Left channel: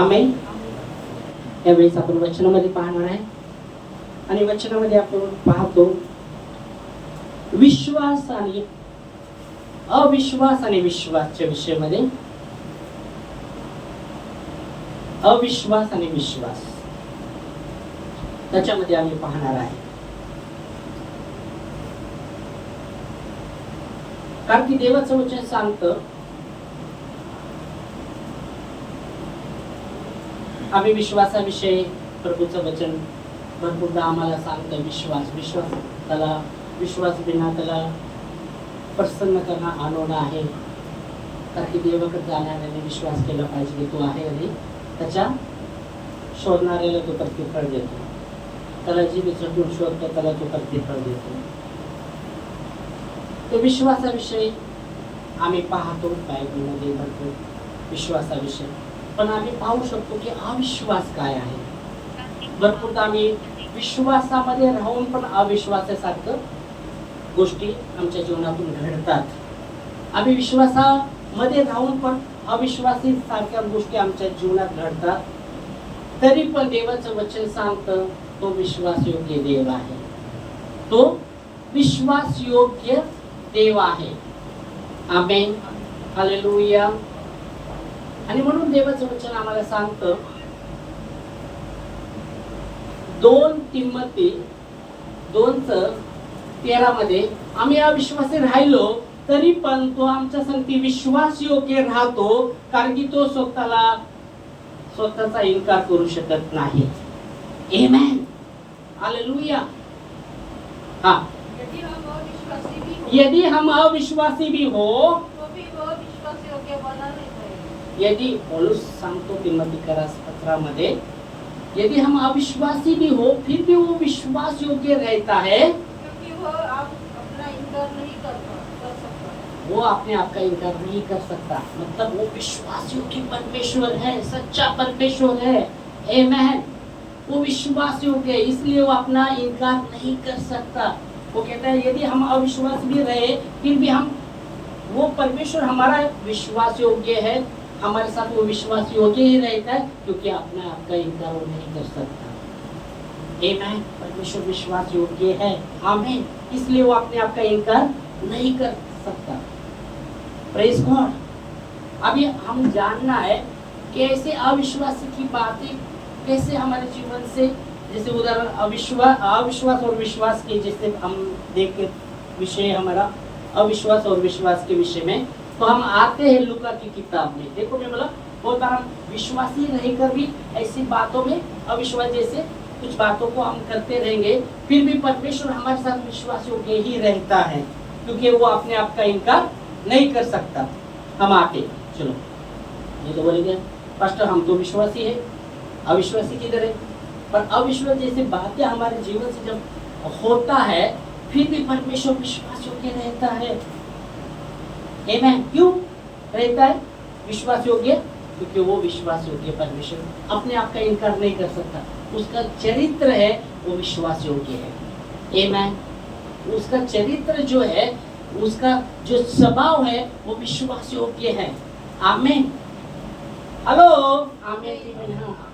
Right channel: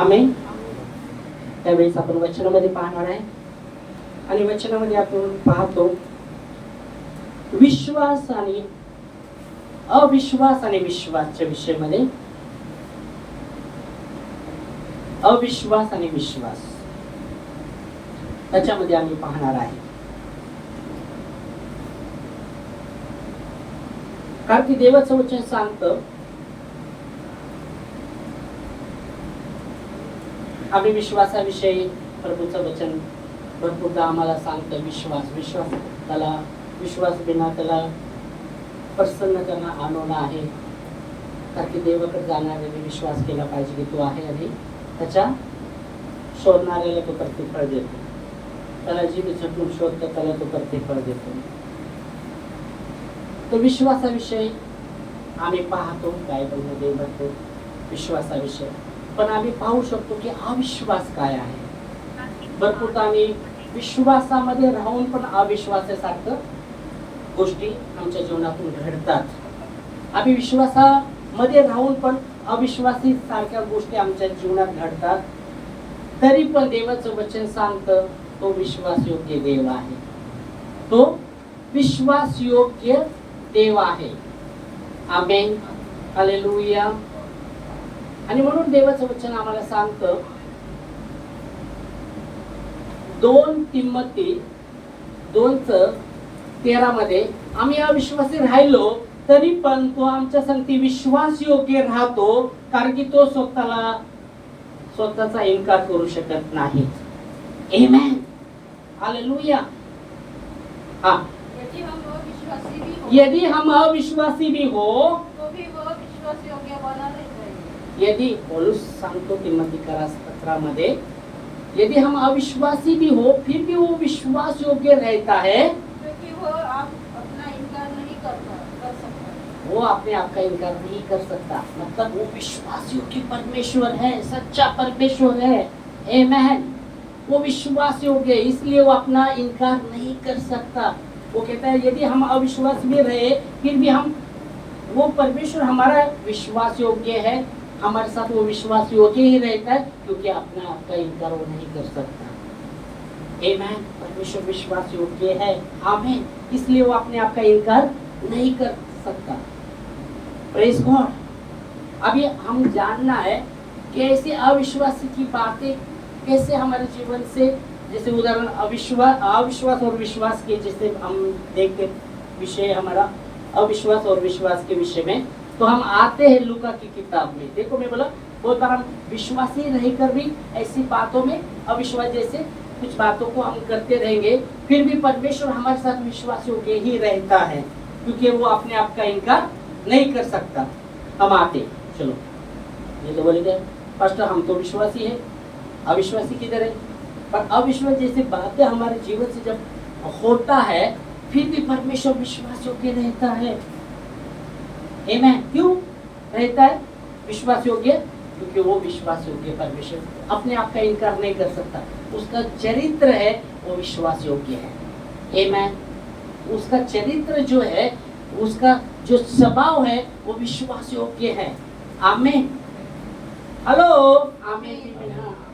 आमेन. त्यावेळेस आपण वचनामध्ये पाहणार आहे आणि वचनामध्ये आपण पाहतो विश्वास आणि अविश्वास आणि विश्वासच्या विषयामध्ये. अविश्वास आणि विश्वास त्याच्यामध्ये आम्ही पाहणार आहे. कारण की देवाचं वचन सांगतं आम्ही विश्वासाविषयी प्रभूचं वचन भरपूरदा आम्हाला सांगतं विश्वास त्याला विश्वास बिना त्याला प्रसन्न करणं आणवणं आहे. कारण की देवाकडे जाणाऱ्याने विश्वास केला पाहिजे की तो आहे आणि त्याच्या शोधणाऱ्याला तो प्रतिफळ देतो. त्याला जी झटून शोधतो त्याला तो प्रतिफळ देतो. तर विश्वासाविषयी आम्ही पाहतो बायबलमध्ये भरपूर विश्वासाविषयी. पण आम्ही पाहू शकतो की अविश्वास काय आहे. भरपूरदा आम्ही विश्वासामध्ये राहून पण अविश्वासासारखं गोष्टी आमच्या जीवनातून घडतात. आम्ही विश्वासामध्ये राहून पण अविश्वासी सारख्या गोष्टी आमच्या जीवनात घडतात. तरी पण देवाचं वचन सांगतं तो विश्वासयोग्य देव आहे. तो विश्वासयोग्य देव आहे. आमेन. हालेलुया. आणि म्हणून देवाचं वचन आम्हाला सांगतं 2 तिमोथी 2:13 मध्ये आम्ही अविश्वासी राहिलो तरी पण तो आमच्या संगती विश्वासयोग्य राहतो. कारण की तो स्वतःचा इन्कार करू शकत नाही. आमेन. हालेलुया. हाँ, यदि हम अविश्वासी भी हो यदि पौलुस सांगतो तिमोथीकरा पत्रामध्ये यदि हम अविश्वासी भी हो फिर भी वो विश्वास योग्य रहता है क्योंकि वो अपना इनकार नहीं कर सकता. वो अपने आप का इनकार नहीं कर सकता. मतलब वो विश्वास योग्य परमेश्वर है, सच्चा परमेश्वर है. आमेन. वो विश्वास योग्य है इसलिए वो अपना इनकार नहीं कर सकता. वो कहता है यदि हम अविश्वास भी रहे फिर भी हम वो परमेश्वर हमारा विश्वास योग्य है. हमारे साथ वो विश्वास योग्य ही रहता है क्योंकि अपने आप का इनकार वो नहीं कर सकता. आमेन. परमेश्वर विश्वास योग्य है. आमीन. इसलिए वो अपने आप का इनकार नहीं कर सकता. Praise God. अभी हम जानना है कि ऐसे अविश्वास की बातें कैसे हमारे जीवन से, जैसे उदाहरण अविश्वास और विश्वास के जैसे हम देखे विषय हमारा अविश्वास और विश्वास के विषय में, तो हम आते हैं लूका की किताब में. देखो मैं बोला बहुत बार हम विश्वासी रहकर भी ऐसी बातों में अविश्वास जैसे कुछ बातों को हम करते रहेंगे फिर भी परमेश्वर हमारे साथ विश्वास योग्य ही रहता है क्योंकि वो अपने आप का इनकार नहीं कर सकता. हम आते चलो ये तो बोलेंगे पास्टर हम तो विश्वासी है, अविश्वासी किधर है. पर अविश्वास जैसी बातें हमारे जीवन से जब होता है फिर भी परमेश्वर विश्वास योग्य रहता है. आमेन. क्यों रहता है विश्वास योग्य? क्योंकि वो विश्वास योग्य परमेश्वर अपने आप का इनकार नहीं कर सकता. उसका चरित्र है वो विश्वास योग्य है. आमेन. उसका चरित्र जो है उसका जो स्वभाव है वो विश्वास योग्य है. आमीन. हेलो. आमीन.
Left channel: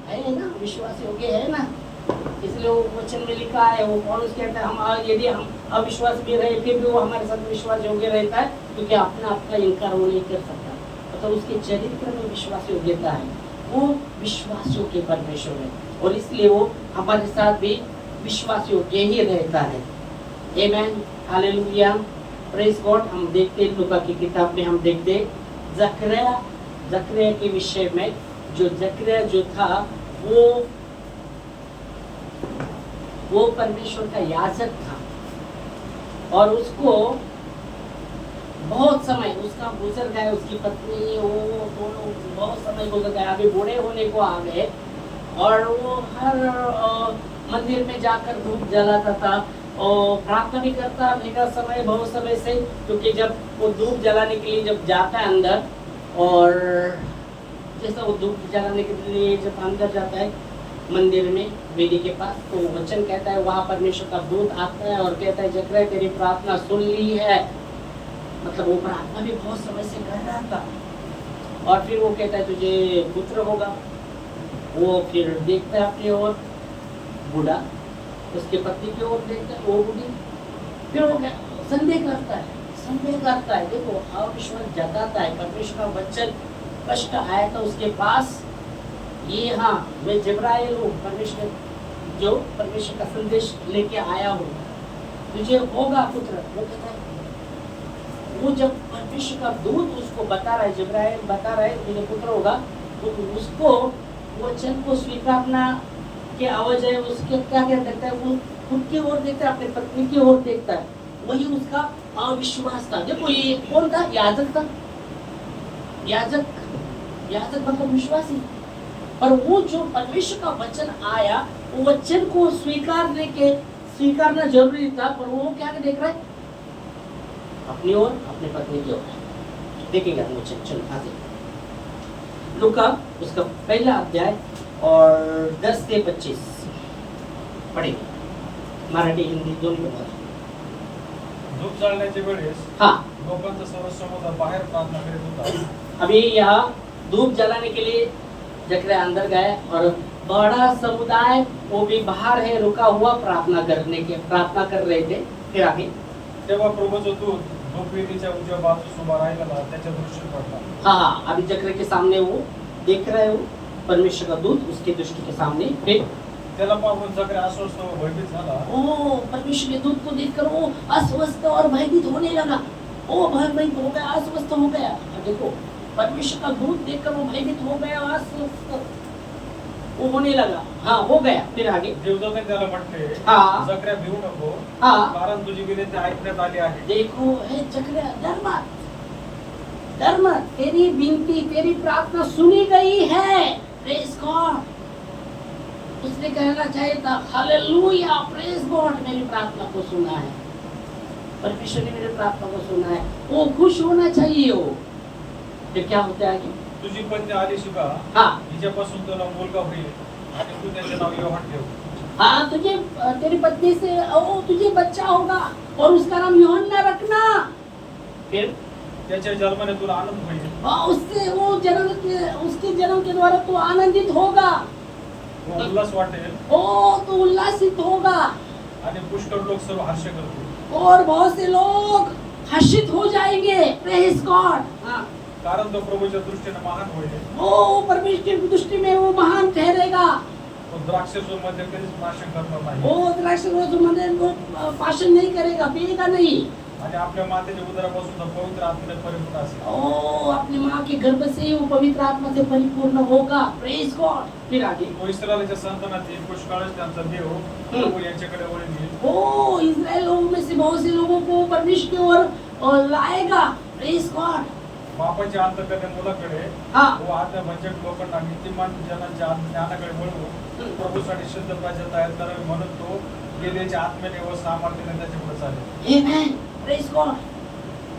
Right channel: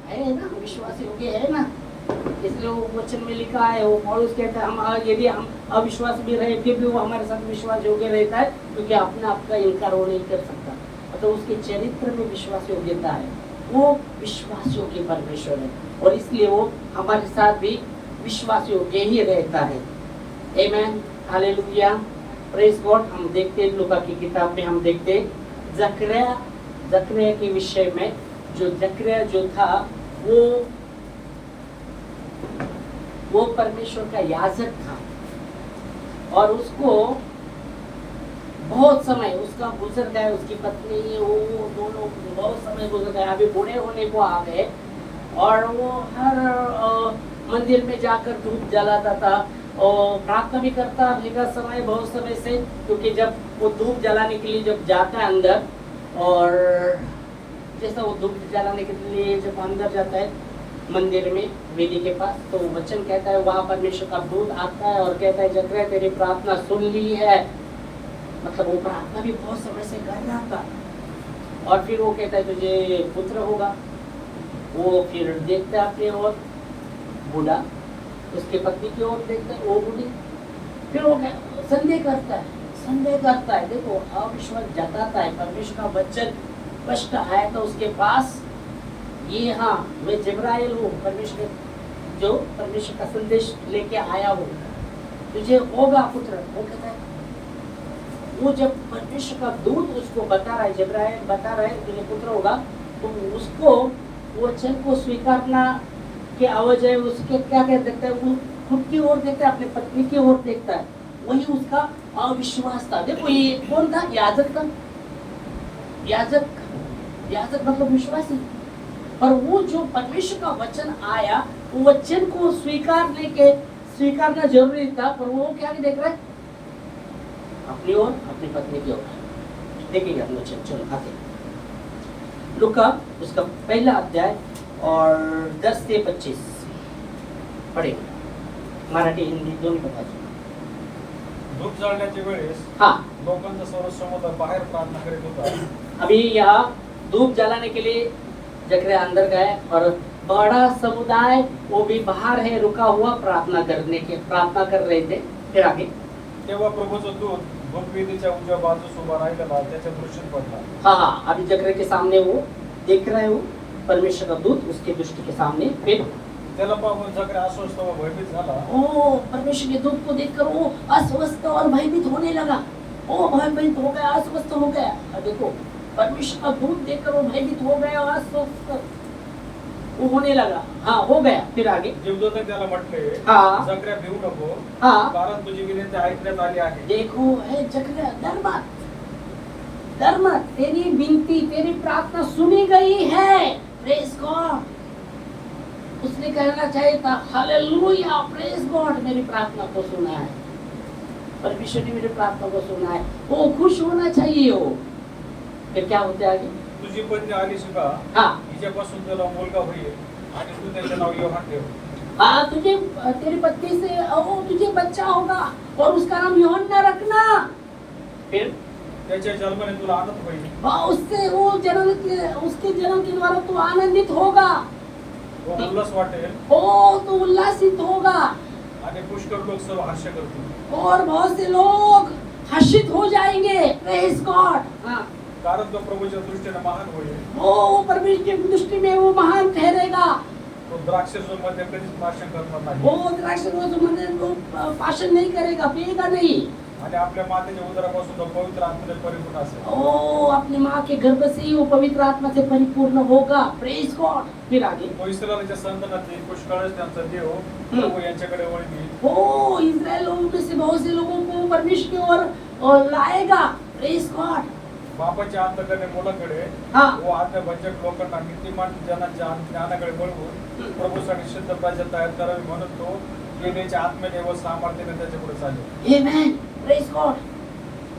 है ना, विश्वास योग्य है ना. इसलिए वो वचन में लिखा है, वो पौलुस कहता है हम यदि हम अविश्वास भी रहे फिर भी वो हमारे साथ विश्वास योग्य रहता है क्योंकि अपना आपका इनकार वो नहीं कर सकता. तो उसके चरित्र में विश्वास योग्यता है. वो विश्वास योग्य परमेश्वर है और इसलिए वो हमारे साथ भी विश्वास योग्य ही रहता है. आमेन. हालेलुया. Praise God. हम देखते हैं लूका की किताब में हम देखते जकरिया के विषय में. जो जकरिया जो था वो परमेश्वर का याजक था और उसको बहुत समय उसका गुजर गया. उसकी पत्नी वो दोनों बहुत समय गुजर गया. अभी बूढ़े होने को आ गए और वो हर मंदिर में जाकर धूप जलाता था और प्रार्थना भी करता रहेगा समय बहुत समय से. क्योंकि जब वो धूप जलाने के लिए जब जाता है अंदर और जैसा वो धूप जलाने के लिए जब अंदर जाता है मंदिर में वेदी के पास तो वचन कहता है वहाँ परमेश्वर का दूत आता है और कहता है जकरिया तेरी प्रार्थना सुन ली है. मतलब वो प्रार्थना भी बहुत समय से कर रहा था और फिर वो कहता है तुझे पुत्र होगा. वो फिर देखता है अपनी ओर, बूढ़ा उसके पत्नी की ओर देखता है, वो बूढ़ी, फिर वो संदेह करता है। देखो अविश्वास जताता है। परमेश्वर का वचन स्पष्ट आया था उसके पास, ये हाँ मैं जिब्राइल हूँ, परमेश्वर जो परमेश्वर का संदेश लेके आया हूँ, तुझे होगा पुत्र। वो कहता है, वो जब परमेश्वर का दूत उसको बता रहा है, जिब्राइल बता रहा है तुझे पुत्र होगा, तो उसको वचन को स्वीकारना की आवाज है, उसके क्या देखता है, वो खुद की ओर देखता है, अपनी पत्नी की ओर देखता है, वही उसका अविश्वास था। देखो ये कौन था? याजक था। याजक मतलब विश्वासी। पर वो जो परमेश्वर का वचन आया, वो वचन को स्वीकारना जरूरी था, पर वो क्या देख रहा है? अपनी ओर, अपनी पत्नी की ओर देखेंगे हम वचन। चलो आगे लूका उसका पहला अध्याय और 10 से 25 पढ़ेंगे, मराठी हिंदी दोन्ही पण वाचू। धूप जाळण्याच्या वेळेस हाँ, लोकांचा सर्व समुदाय बाहेर प्रार्थना करीत होता। अभी यहाँ धूप जलाने के लिए जकरिया अंदर गए और बड़ा समुदाय वो भी बाहर है, रुका हुआ प्रार्थना कर रहे थे। फिर आगे तेव्हा प्रभूचा दूत धूपवेदीच्या उजव्या बाजूस उभा राहिलेला त्याच्या दृष्टी पडला। हाँ, अभी जकरिया के सामने वो देख रहे हो, परमेश्वर का दूत उसके दृष्टि के सामने। फिर त्याला पाहून जकरिया अस्वस्थ व भयभीत झाला। ओ परमेश्वर के दूत को देखकर वो अस्वस्थ और भयभीत होने लगा। ओ भयभीत हो गया, अस्वस्थ हो गया। अब देखो परमेश्वर का दूत देखकर वो भयभीत हो गया, अस्वस्थ वो होने लगा। हाँ, हो गया। फिर आगे देवदूताने त्याला म्हटले, हाँ। जकरिया भिवू नको, हाँ। कारण तुझी विनंती ऐकण्यात आली आहे। देखो हे जकरिया, डर मत, तेरी विनती, तेरी प्रार्थना सुनी गई है। Praise God. उसने कहना चाहिए था हालेलुया, प्रेज गॉड, मेरी प्रार्थना को सुना है, परमेश्वर ने मेरी प्रार्थना को सुना है। वो खुश होना चाहिए। वो फिर क्या होता है आगे? तुझी पत्नी आलिशिबा, हाँ, हिच्यापासून तुला मुलगा होईल आणि तू त्याचे नाव योहान ठेव। हाँ, तेरी पत्नी से तुझे बच्चा होगा और उसका नाम यूहन्ना रखना। फिर त्याच्या जन्माने तुला आनंद होईल। उसके जन्म के द्वारा तू आनंदित होगा, उल्हास वाटेल तू उल्लासित होगा आणि पुष्कळ लोक सर्व हास्य करतील। और बहुत से लोग हर्षित हो जाएंगे। Praise God. हाँ, कारण तो प्रभूच्या दृष्टीने महान होईल। वो परमेश्वर की दृष्टि में वो महान ठहरेगा। तो द्राक्षरसमध्ये कधीच भाषण करणार नाही वो द्राक्षरसमध्ये वो भाषण नहीं करेगा, पिएगा नहीं। आणि आपल्या मातेच्या उदरापासून पवित्र आत्म्याने परिपूर्ण असेल। ओ अपनी माँ के गर्भ से ही वो पवित्र आत्मा से परिपूर्ण होगा। Praise God. फिर आगे तो इस्रायलच्या संतानातील पुष्कळ त्यांचा देव प्रभू यांच्याकडे वळवेल। ओ इस्राएल लोगों में से बहुत से लोगों को परमेश्वर की ओर लाएगा। Praise God. बापाच्या अंतःकरणे मुलाकडे हाँ। व आज्ञाभंजक लोकांना नीतिमान जनांच्या ज्ञानाकडे वळवून प्रभूसाठी शुद्ध प्रजा तयार करावी म्हणून तो गेलेच्या आत्म्याने व सामर्थ्याने त्याच्यापुढे चालेल। आमेन। Praise God.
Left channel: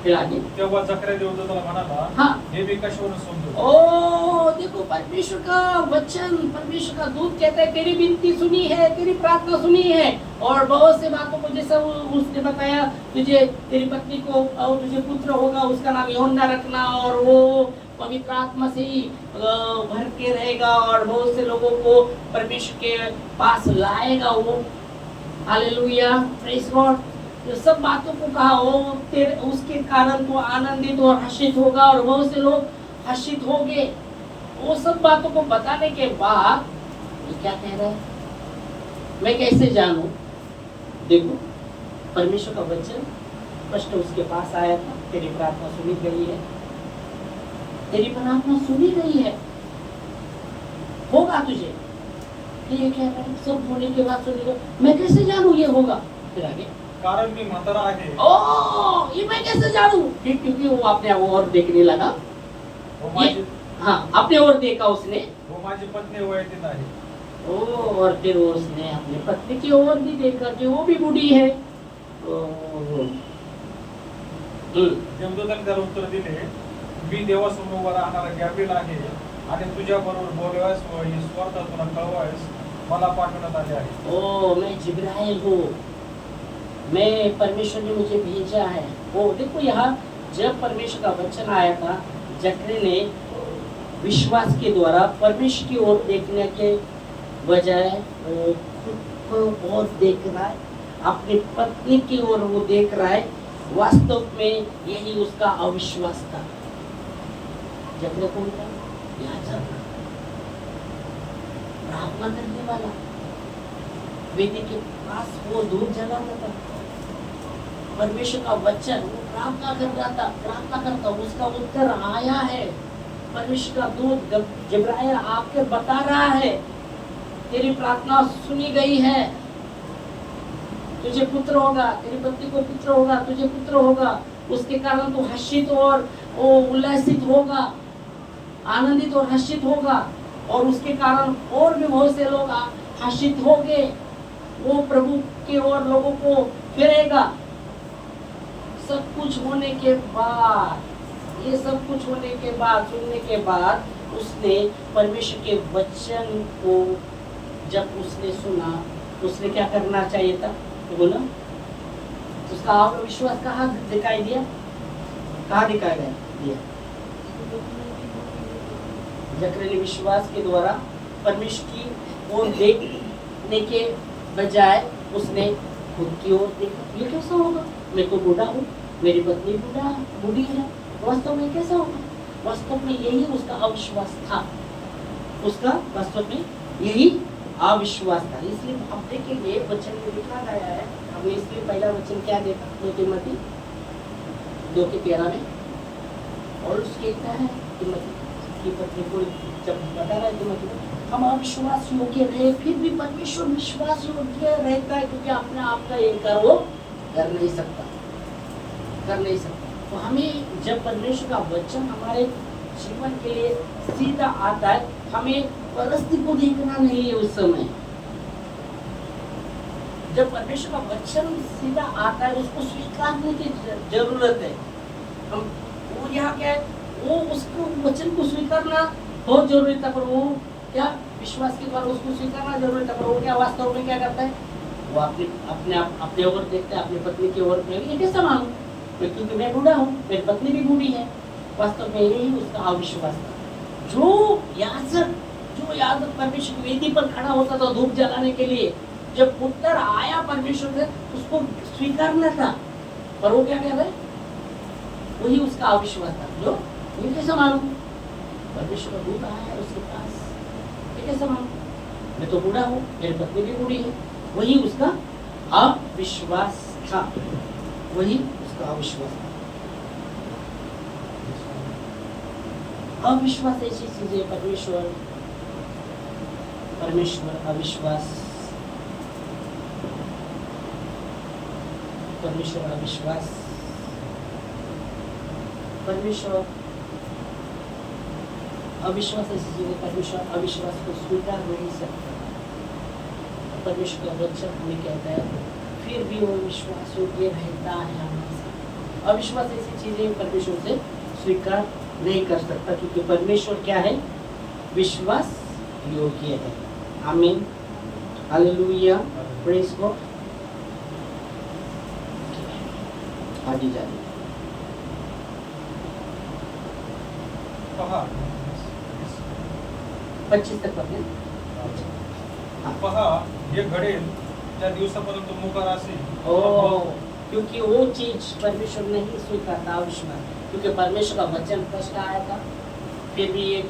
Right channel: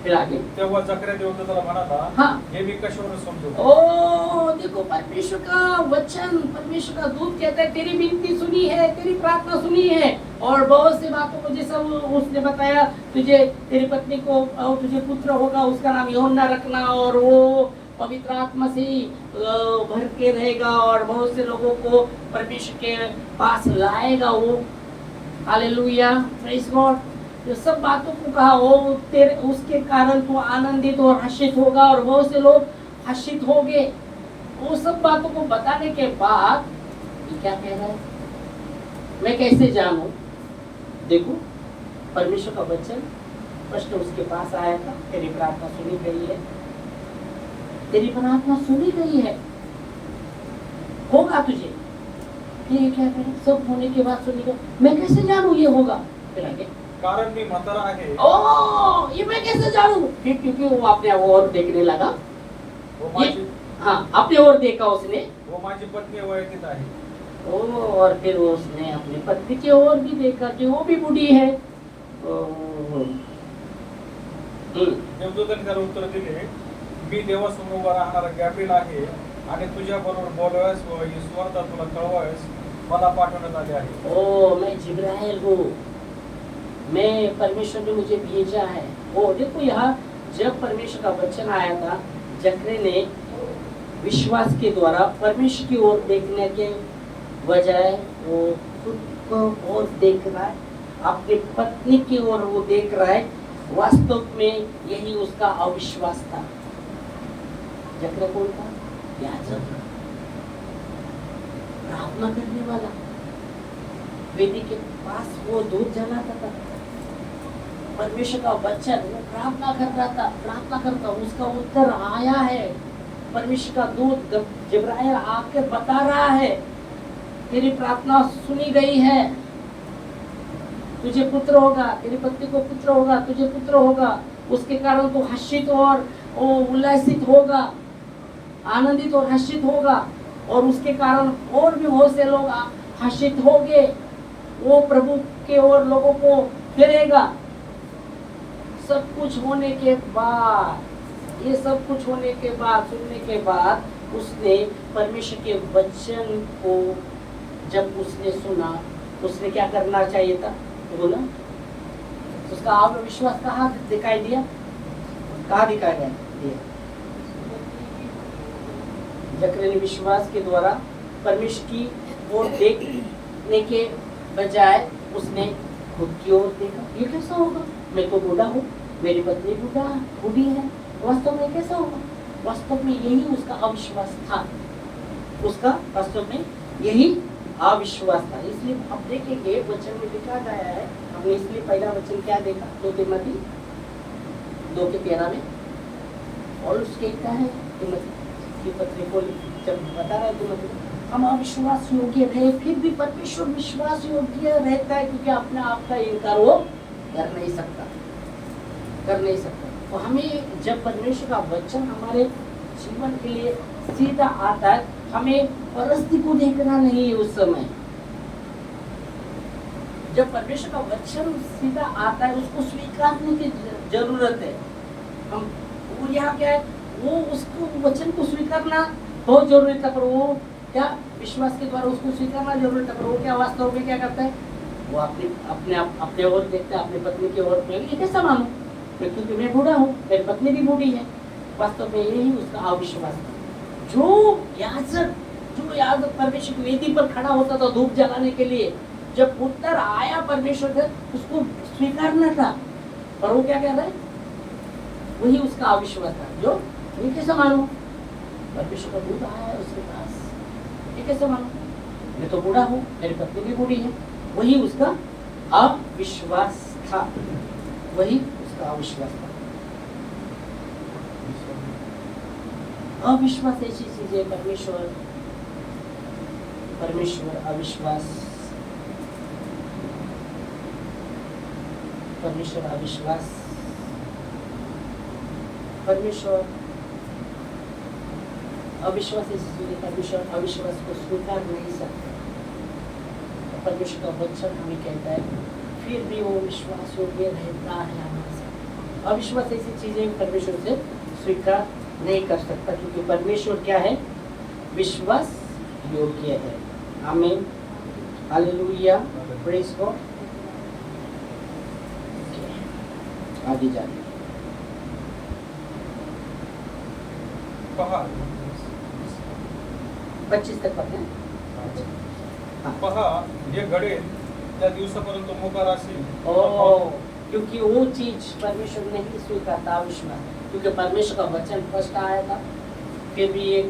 फिर आगे तेव्हा जकरिया देवदूताला म्हणाला, हाँ। हे मी कशावरून समजू? ओ देखो परमेश्वर का वचन, परमेश्वर का दूत कहता है तेरी विनती सुनी है, तेरी प्रार्थना सुनी है, और बहुत सी बातों को जैसे उसने बताया, तुझे तेरी पत्नी को और तुझे पुत्र होगा, उसका नाम यूहन्ना रखना, और वो पवित्र आत्मा से ही भर के रहेगा और बहुत से लोगों को परमेश्वर के पास लाएगा वो। Hallelujah, praise God. जो सब बातों को कहा हो, तेरे उसके कारण तू आनंदित और हर्षित होगा और बहुत से लोग हर्षित होंगे। वो सब बातों को बताने के बाद ये क्या कह रहा है? मैं कैसे जानूं? देखो परमेश्वर का वचन स्पष्ट उसके पास आया था, तेरी प्रार्थना सुनी गई है, तेरी प्रार्थना सुनी गई है, होगा तुझे। ये क्या करें? सब होने के बाद सुनी गई, मैं कैसे जानूं ये होगा? फिर आगे कारण मी म्हातारा आहे। ओ ये मैं कैसे जानूं? क्योंकि वो अपने ओर देखने लगा। वो माझी हाँ, अपने ओर देखा उसने। वो माझी पत्नी वयतीत आहे। ओ और फिर उसने अपनी पत्नी की ओर भी देखा कि वो भी बूढ़ी है। देवदूताने त्याला उत्तर दिले, मी देवासमोर उभा राहणारा गॅब्रिएल आहे आणि तुझ्या बरोबर बोलवायस व ईश्वरता तुला कळवायस मला पाठवण्यात आले आहे। ओ मैं जिब्राइल हूँ, मैं परमेश्वर ने मुझे भेजा है। वो देखो यहाँ जब परमेश्वर का वचन आया था, जकरिया ने विश्वास के द्वारा परमेश्वर की ओर देखने के बजाय वो खुद को और देख रहा है, अपनी पत्नी की ओर वो देख रहा है। वास्तव में यही उसका अविश्वास था। जकरिया कौन था? याजक, प्रार्थना करने वाला, वेदी के पास वो धूप जलाता था, परमेश्वर का वचन वो प्रार्थना कर रहा था, प्रार्थना करता, उसका उत्तर आया है। परमेश्वर का दूत जिब्राइल आकर बता रहा है, तेरी प्रार्थना सुनी गई है, तुझे पुत्र होगा, तेरी पत्नी को पुत्र होगा, तुझे पुत्र होगा, उसके कारण तू हर्षित और उल्लासित होगा, आनंदित और हर्षित होगा, और उसके कारण और भी बहुत से लोग हर्षित होंगे। वो प्रभु के ओर लोगों को फिरेगा। सब कुछ होने के बाद, ये सब कुछ होने के बाद, सुनने के बाद, उसने परमेश्वर के वचन को जब उसने सुना, उसने क्या करना चाहिए था? बोला, उसका आत्मविश्वास कहाँ दिखाई दिया? कहाँ दिखाया गया? जकरिया ने विश्वास के द्वारा परमेश्वर की ओर देखने के बजाय उसने खुद की ओर देखा। ये कैसा होगा? मैं तो बूढ़ा हूँ, मेरी पत्नी बूढ़ी है, वास्तव में कैसा होगा? वास्तव में यही उसका अविश्वास था। उसका वास्तव में यही अविश्वास था। इसलिए आप देखेंगे वचन में लिखा गया है, हमने इसलिए पहला वचन क्या देखा? 2 तिमोथी 2:13 में, और उसके क्या है? तिमोथी की पत्री को जब बता रहा है तिमोथी, हम अविश्वास योग्य रहे फिर भी परमेश्वर विश्वास योग्य रहता है, क्योंकि अपने आप का इनकार वो कर नहीं सकता। तो हमें जब परमेश्वर का वचन हमारे जीवन के लिए सीधा आता है, हमें परिस्थिति को देखना नहीं है। उस समय जब परमेश्वर का वचन सीधा आता है, उसको स्वीकारने की जरूरत है। हम वो यहाँ क्या है, वो उसको वचन को स्वीकारना बहुत जरूरी था, पर वो क्या विश्वास के द्वारा उसको स्वीकारना जरूरी था, पर वो क्या वास्तव में क्या करता है? वो अपने ओर देखता है, अपनी पत्नी की ओर। ये कैसा मानो मैं, क्योंकि मैं बूढ़ा हूँ, मेरी पत्नी भी बूढ़ी है। वास्तव में यही उसका अविश्वास था। जो याजक परमेश्वर की वेदी पर खड़ा होता था धूप जलाने के लिए, जब उत्तर आया परमेश्वर से, उसको स्वीकारना था, पर वो क्या कह रहा है? वही उसका अविश्वास था। जो ये कैसे मालूम? परमेश्वर का दूत आया है उसके पास, ये कैसे मालूम? मैं तो बूढ़ा हूँ, मेरी पत्नी भी बूढ़ी है। वही उसका अविश्वास था, वही उसका अविश्वास था। अविश्वास ऐसी चीज है, परमेश्वर अविश्वास, परमेश्वर अविश्वास, परमेश्वर अविश्वास ऐसी चीज है, परमेश्वर अविश्वास को स्वीकार नहीं सकता। परमेश्वर का वचन हमें कहता है, फिर भी वो विश्वास योग्य रहता है हमारे साथ। अविश्वास ऐसी चीज है, परमेश्वर से स्वीकार नहीं कर सकता, क्योंकि परमेश्वर क्या है? विश्वास योग्य है। आमीन, हालेलुया, प्रेज गॉड। आगे जाने 25 तक पढ़ते हैं। पहा हे घडेल त्या दिवसापर्यंत मोकार असेल। क्योंकि वो चीज परमेश्वर नहीं स्वीकारता, अविश्वास। क्योंकि परमेश्वर का वचन फर्स्ट आया था, फिर भी ये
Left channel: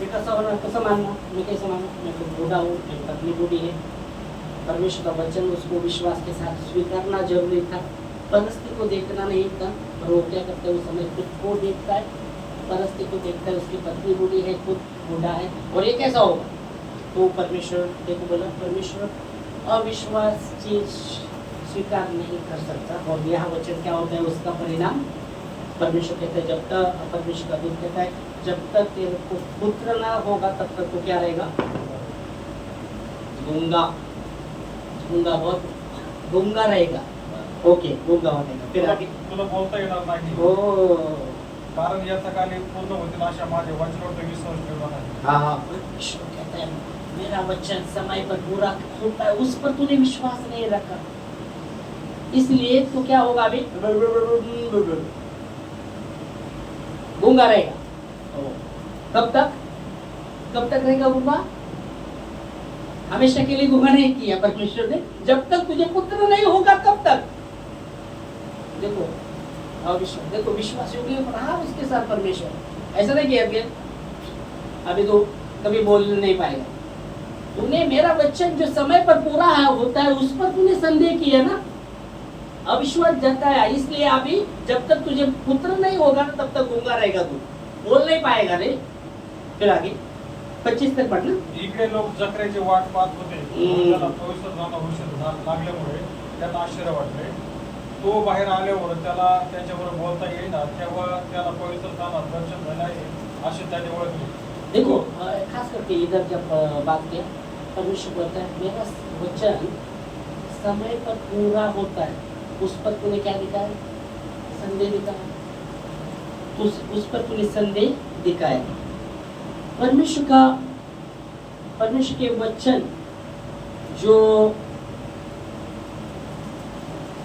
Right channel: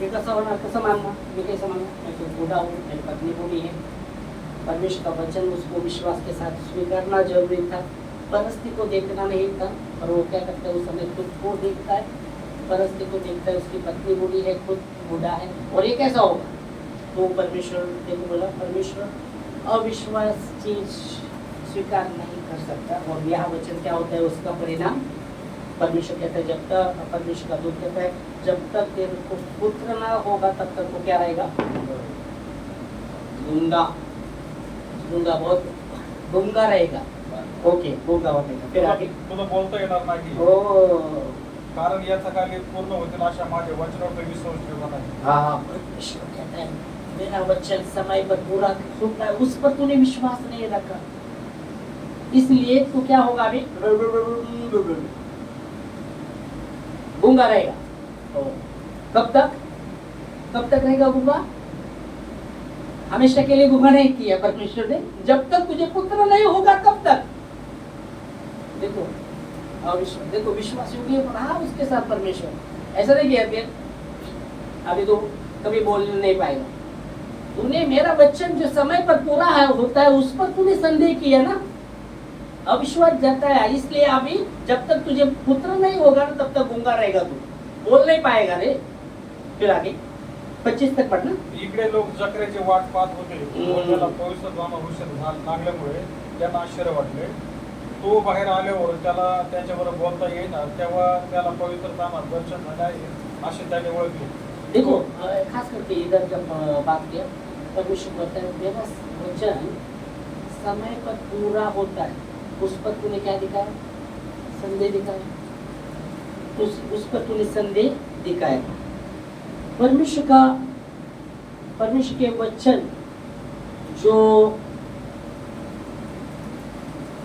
कैसा मानना? मैं कैसे मानूं? मैं तो बूढ़ा हूँ, मेरी पत्नी बूढ़ी है। परमेश्वर का वचन उसको विश्वास के साथ स्वीकारना जरूरी था, परिस्थिति को देखना नहीं था। और वो क्या करता है? उस समय खुद को देखता है, परिस्थिति को देखता है, उसकी पत्नी बूढ़ी है, खुद बूढ़ा है, और ये कैसा होगा? तो परमेश्वर देखो बोला, परमेश्वर अविश्वास चीज स्वीकार नहीं कर सकता। और यह वचन क्या होता है? उसका परिणाम परमेश्वर कहता है, जब तक परमेश्वर का दूत कहता है, जब तक तेरे को पुत्र ना होगा तब तक वो क्या रहेगा? गूंगा बहुत गूंगा रहेगा। ओके, गूंगा हो गया। फिर आगे तुला बोलता येणार नाही, कारण याचा कार्य पूर्ण होतील अशा माझ्या वचनावर विश्वास ठेवला नाही। हाँ, परमेश्वर कहता है, मेरा वचन समय पर पूरा होता है, उस पर तूने विश्वास नहीं रखा, इसलिए तू क्या होगा? अभी गूंगा रहेगा। कब तक? कब तक रहेगा गूंगा? हमेशा के लिए गूंगा नहीं किया परमेश्वर ने, जब तक तुझे पुत्र नहीं होगा तब तक। देखो अविश्वास, देखो विश्वास योग्य रहा उसके साथ परमेश्वर, ऐसा नहीं किया कि अभी तो कभी बोल नहीं पाएगा। तूने मेरा वचन जो समय पर पूरा होता है उस पर तूने संदेह किया ना, अविश्वास जताया, इसलिए अभी जब तक तुझे पुत्र नहीं होगा ना तब तक गूंगा रहेगा, तू बोल नहीं पाएगा रे। फिर आगे 25 तक पढ़ना। इकडे लोक जकऱ्याची वाट पाहत होते, त्याला पवित्र जाणं उशीर लागल्यामुळे त्यांना आश्चर्य वाटले. तो बाहेर आल्यावर त्याला त्याच्याबरोबर बोलता येईना, तेव्हा त्याला पवित्र जाणं दर्शन झाले आहे असे त्याने ओळखले. देखो खास करके इधर जब बात किया परमेश्वर बोलता है मेरा वचन समय पर पूरा होता है, उस पर तूने क्या दिखाया? संदेह दिखाया, उस पर तूने संदेह दिखाया। परमेश्वर के वचन जो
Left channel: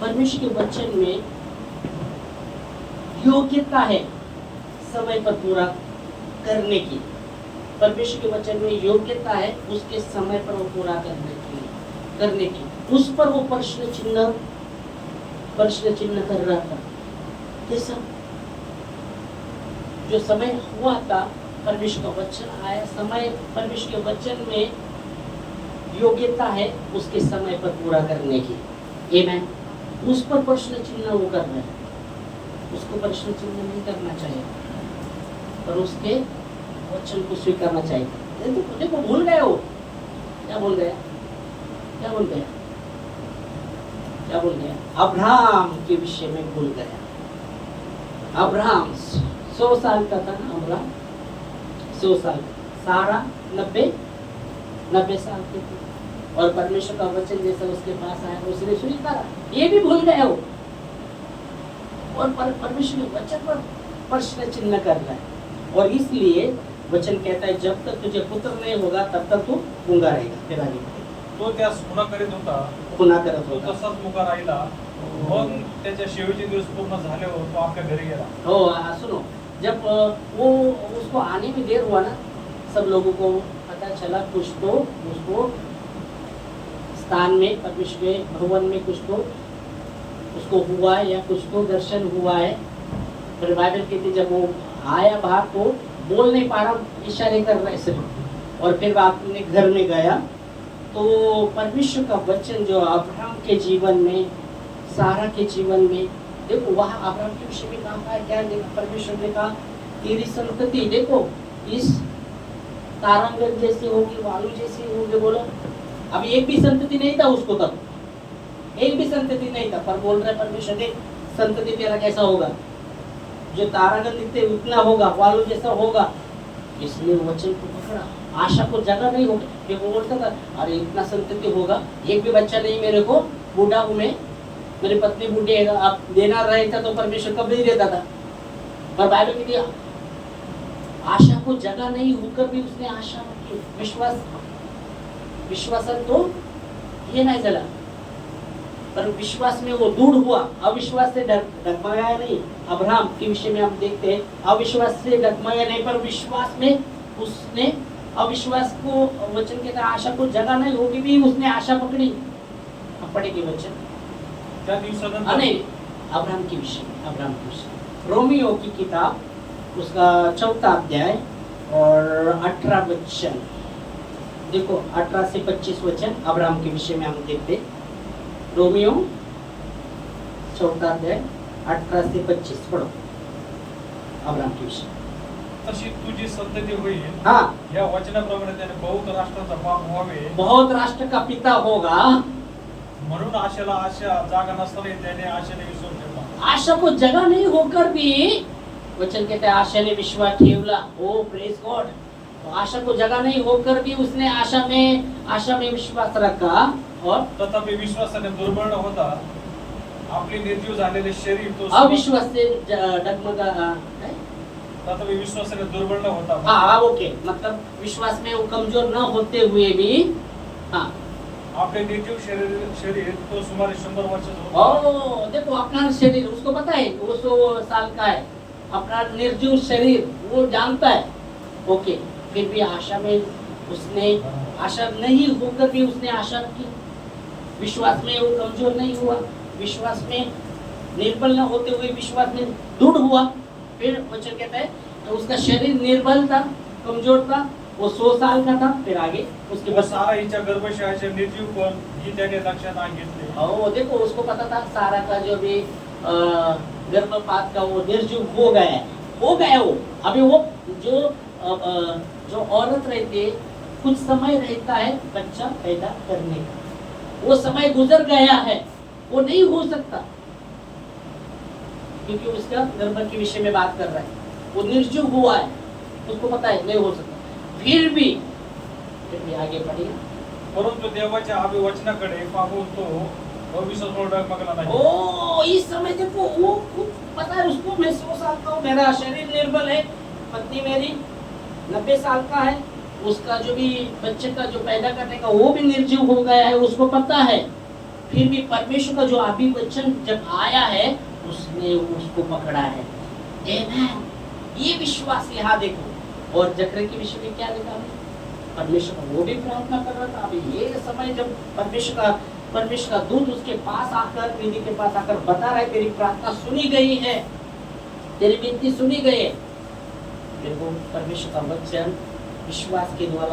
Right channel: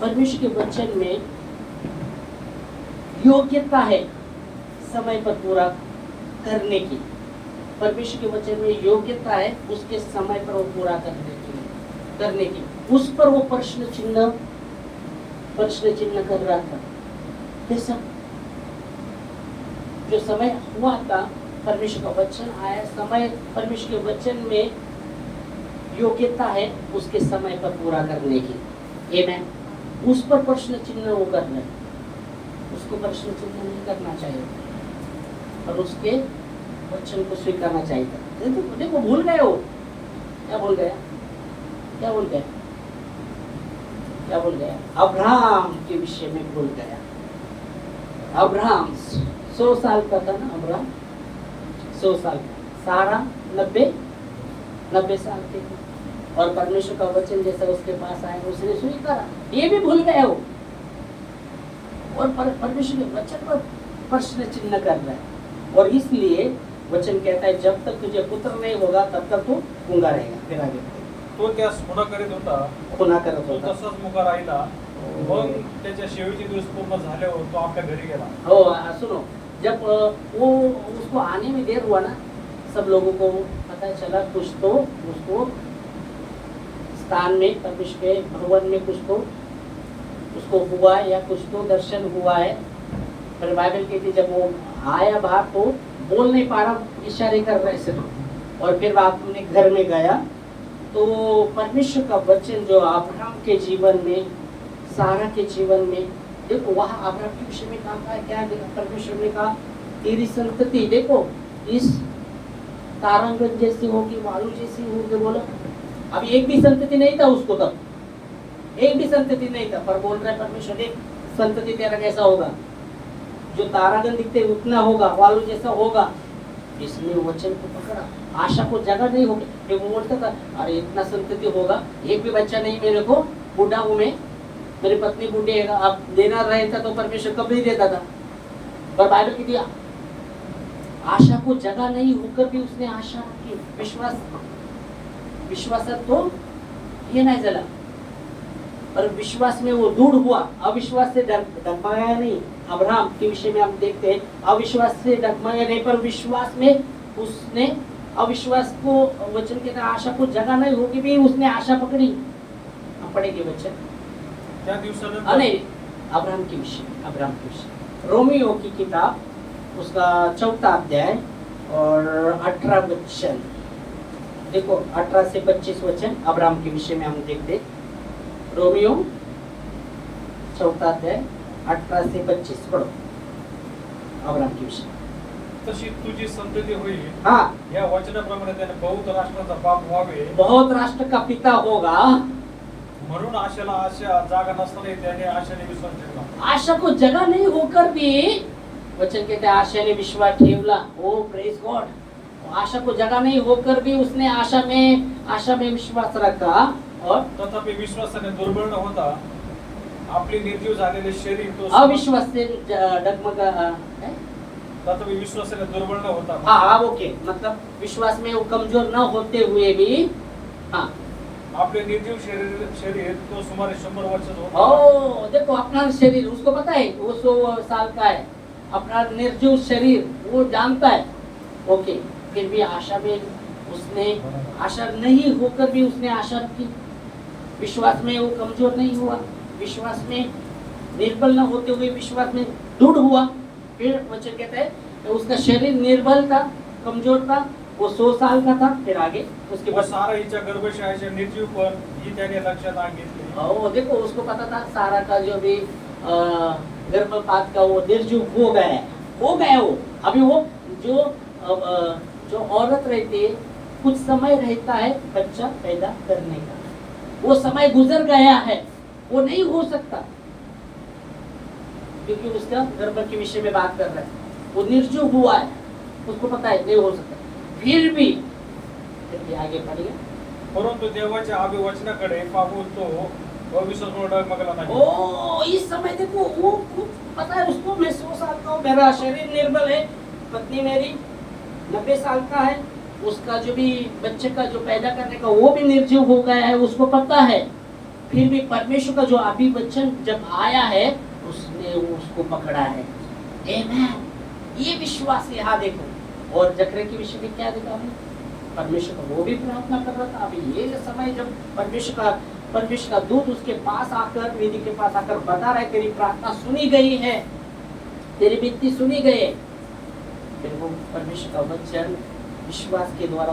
परमेश्वर के वचन में योग्यता है समय पर पूरा करने की, परमेश्वर के वचन में योग्यता है उसके समय पर वो पूरा करने की, उस पर वो प्रश्न चिन्ह कर रहा था। कैसा? जो समय हुआ था, परमेश्वर का वचन आया, समय परमेश्वर के वचन में योग्यता है उसके समय पर पूरा करने की, आमेन। उस पर प्रश्न चिन्ह वो कर रहा है, उसको प्रश्न चिन्ह नहीं करना चाहिए और उसके वचन को स्वीकारना चाहिए। देखो भूल गए हो, क्या भूल गया? अब्राहम के विषय में भूल गया। अब्राहम 100 साल का था ना, अब्राहम 100 साल, सारा 90 साल के थे, और परमेश्वर का वचन जैसा उसके पास आया उसने स्वीकारा। ये भी भूल गए हो और परमेश्वर के वचन पर प्रश्न चिन्ह कर रहा है, और इसलिए वचन कहता है जब तक तुझे पुत्र नहीं होगा तब तक तू गूंगा रहेगा। फिर आगे बढ़े। तो त्यास खुणा करत होता, तो तसाच मुका राहिला, मग त्याच्या शेवटचे दिवस पूर्ण झाल्यावर तो आपल्या घरी गेला. हो सुनो, जब वो उसको आने में देर हुआ ना, सब लोगों को पता चला कुछ तो उसको स्थान में परमेश्वर के भवन में कुछ तो उसको हुआ है या कुछ तो दर्शन हुआ है। फिर बाइबल कहती जब वो आया बाहर तो बोल नहीं पा रहा, इशारे कर रहा है सिर्फ, और फिर बाद में घर में गया तो परमेश्वर का वचन जो अब्राहम के जीवन में, सारा के जीवन में, देखो वहाँ अब्राहम के विषय में कहा है क्या? परमेश्वर ने कहा तेरी संतति देखो इस तारंगन जैसी होगी, वायु जैसी होगी। बोलो अभी एक भी संतति नहीं था उसको, तब एक भी संतति नहीं था, पर बोल रहा है परमेश्वर ने संतति तेरा कैसा होगा? जो तारागण दिखते उतना होगा, वायु जैसा होगा। इसलिए वचन को पकड़ा, आशा को जगह नहीं होगी। मैं बोलता था अरे इतना संतति होगा, एक भी बच्चा नहीं मेरे को, बूढ़ा हूँ मैं, मेरी पत्नी बूढ़ी है, अब देना रहता तो परमेश्वर कब नहीं देता था। पर बाइबल की दिया आशा को जगह नहीं होकर भी उसने आशा की, विश्वास तो ये नहीं चला, पर विश्वास में वो दृढ़ हुआ, अविश्वास से डगमगाया नहीं। अब्राहम के विषय में हम देखते हैं अविश्वास से डगमगाया नहीं, पर विश्वास में उसने अविश्वास को, वचन के आशा को जगह नहीं होगी भी उसने आशा पकड़ी। हम पढ़ेंगे वचन त्या दिवसानंतर नहीं, अब्राहम के विषय रोमियो की किताब उसका 4था अध्याय और 18 वचन देखो, 18 से 25 वचन अब्राहम के विषय में हम देखते। रोमियो 4था अध्याय 18 से 25 पढ़ो अब्राहम के विषय। तशी तुझी संतती होईल, हाँ, या वचनाप्रमाणे त्याने बहुत राष्ट्रांचा बाप व्हावे, बहुत राष्ट्र का पिता होगा। म्हणून आशेला आशा जागा नसताना त्याने आशेने विश्वास ठेवला. आशा को जगह नहीं होकर भी वचन कहते हैं आशा ने विश्वास ठेवला। ओ प्रेज गॉड। आशा को जगह नहीं होकर भी उसने आशा में विश्वास रखा, और तथापि विश्वासाने दुर्बळ न होता आपले निर्जीव झालेले शरीर तो अविश्वास से डगमगा, तथापि विश्वासाने दुर्बळ न होता, हाँ ओके, मतलब विश्वास में वो कमजोर न होते हुए भी, हाँ आपले निर्जीव शरीर तो सुमारे 100 वर्षाचा होता. ओ देखो अपना शरीर उसको पता है वो 100 साल का है, अपना निर्जीव शरीर वो जानता है। ओके, फिर भी आशा में उसने आशा नहीं होकर भी उसने आशा रखी, विश्वास में वो कमजोर नहीं हुआ, विश्वास में निर्बल न होते हुए विश्वास में दृढ़ हुआ। फिर वचन कहता है कि उसका शरीर निर्बल था, कमजोर था, वो 100 साल का था। फिर आगे उसके किंवा बाद सारा हिच्या गर्भशयाचे निर्जीव पण ही त्याने लक्षात आणली. वो देखो उसको पता था सारा का जो भी गर्भपात का वो निर्जीव हो गया है, हो गया वो। अभी वो जो औरत रहती है कुछ समय रहता है बच्चा पैदा करने का, वो समय गुजर गया है, वो नहीं हो सकता, क्योंकि उसका गर्भ के विषय में बात कर रहा है, वो निर्जीव हुआ है, उसको पता है नहीं हो सकता। फिर भी आगे बढ़िए, परंतु देवाच्या अभिवचनाकडे पाहून तो भविष्यात डगमगला नाही. ओ इस समय देखो वो खुद पता है उसको, मैं 100 साल का हूँ, मेरा शरीर निर्बल है, पत्नी मेरी 90 साल का है, उसका जो भी बच्चे का जो पैदा करने का वो भी निर्जीव हो गया है, उसको पता है। फिर भी परमेश्वर का जो अभिवचन जब आया है उसने उसको पकड़ा है। आमेन। ये विश्वास यहाँ देखो। और जकरे के विषय में क्या देखा आपने? परमेश्वर का वो भी प्रार्थना कर रहा था। अभी ये समय जब परमेश्वर का दूत उसके पास आकर, निधि के पास आकर बता रहा है तेरी प्रार्थना सुनी गई है, तेरी विनती सुनी गई है। फिर वो परमेश्वर का वचन विश्वास के द्वारा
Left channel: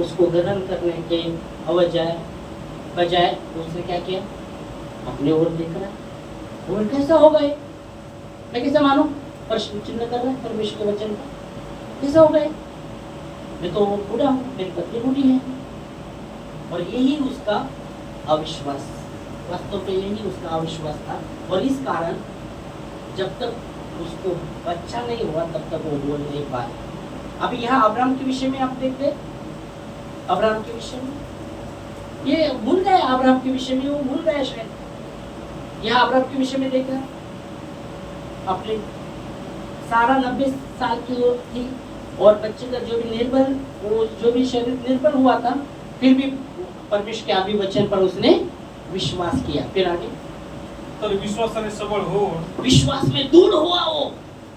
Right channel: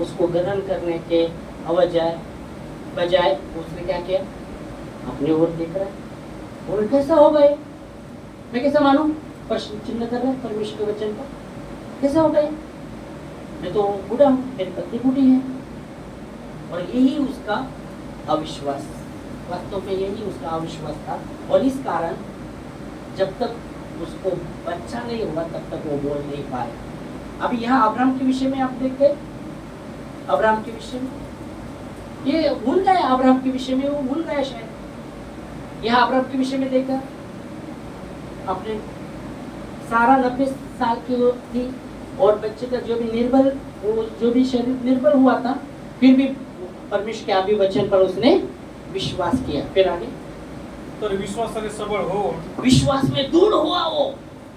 उसको ग्रहण करने के बजाय उसने क्या किया? अपनी ओर देख रहा है, और कैसे हो गए, मैं कैसे मानूं? प्रश्न चिन्ह कर रहे हैं परमेश्वर के वचन को, कैसे हो गए? मैं तो बूढ़ा हूँ, मेरी पत्नी बूढ़ी है। और यही उसका अविश्वास, वास्तव में यही उसका अविश्वास था। और इस कारण जब तक उसको बच्चा नहीं हुआ तब तक वो बोल नहीं पाया। अभी यहाँ अब्राहम के विषय में आप देखते हैं, अब्राहम के विषय में ये भूल गए, अब्राहम के विषय में वो भूल गए शायद। यहाँ अब्राहम के विषय में देखा, अपने सारा 90 साल की थी और बच्चे का जो भी वो जो भी शरीर निर्बल हुआ था, फिर भी परमेश्वर के अभिवचन पर उसने विश्वास किया। फिर आगे तर विश्वासाने सबळ होऊन विश्वास में दृढ़ हुआ वो,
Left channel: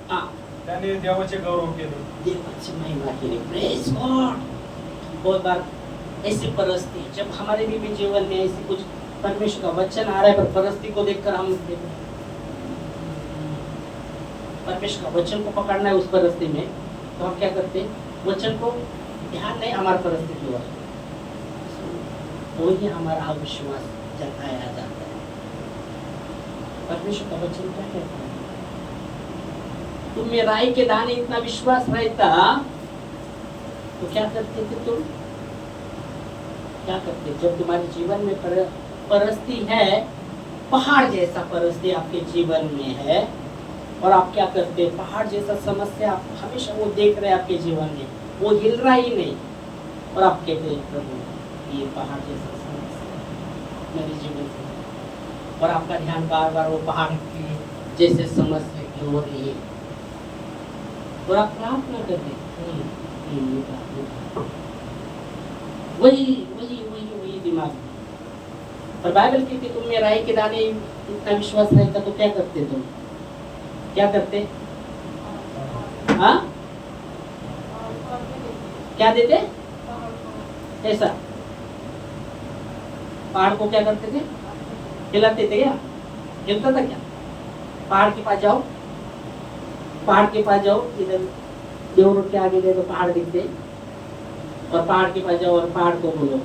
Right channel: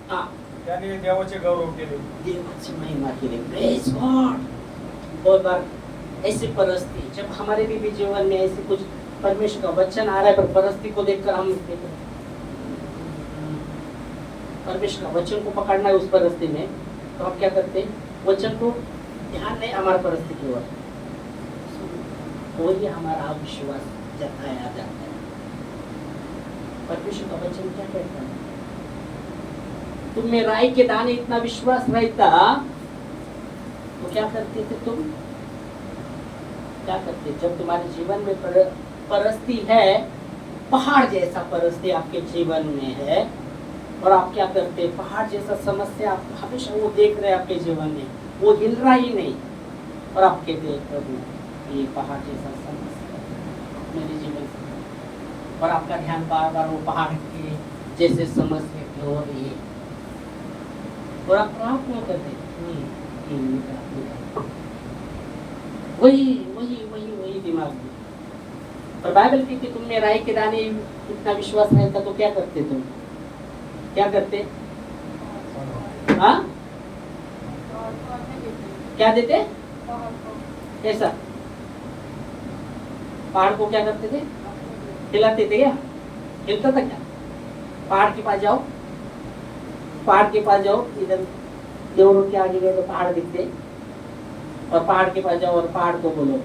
त्याने देवाचे गौरव केले, देवाची महिमा केली। Praise God. बहुत बार ऐसी परिस्थिति जब हमारे भी जीवन में ऐसे कुछ परमेश्वर का वचन आ रहा है, पर परिस्थिति को देखकर हम देख रहे हैं, परमेश्वर का वचन को पकड़ना है उस परिस्थिति में, तो हम क्या करते हैं? वचन को ध्यान नहीं हमारा परिस्थिति हुआ, वही हमारा अविश्वास जताया जाता है। परमेश्वर का वचन क्या कहता है? तुम में राई के दाने इतना विश्वास रहता तो क्या करते थे तुम? क्या करते? जब तुम्हारे जीवन में परिस्थिति है, पहाड़ जैसा परिस्थिति आपके जीवन में है, और आप क्या करते? पहाड़ जैसा समस्या आप हमेशा वो देख रहे हैं आपके जीवन में, वो हिल रहा ही नहीं, और आप कहते हैं प्रभु ये पहाड़ जैसा समस्या मेरे जीवन से, और आपका ध्यान बार बार वो पहाड़ की जैसे समस्या की हो रही है, और आप प्रार्थना करते वही दिमाग में। और बाइबल कहती तुम में राई के दाने इतना विश्वास रहता तो क्या करते तुम? क्या करते? हाँ, क्या देते? ऐसा पहाड़ को क्या करते थे? हिलाते थे क्या? हिलता था क्या? पहाड़ के पास जाओ, पहाड़ के पास जाओ, इधर देव रोड के आगे गए तो पहाड़ दिखते, और पहाड़ के पास जाओ और पहाड़ को बोलो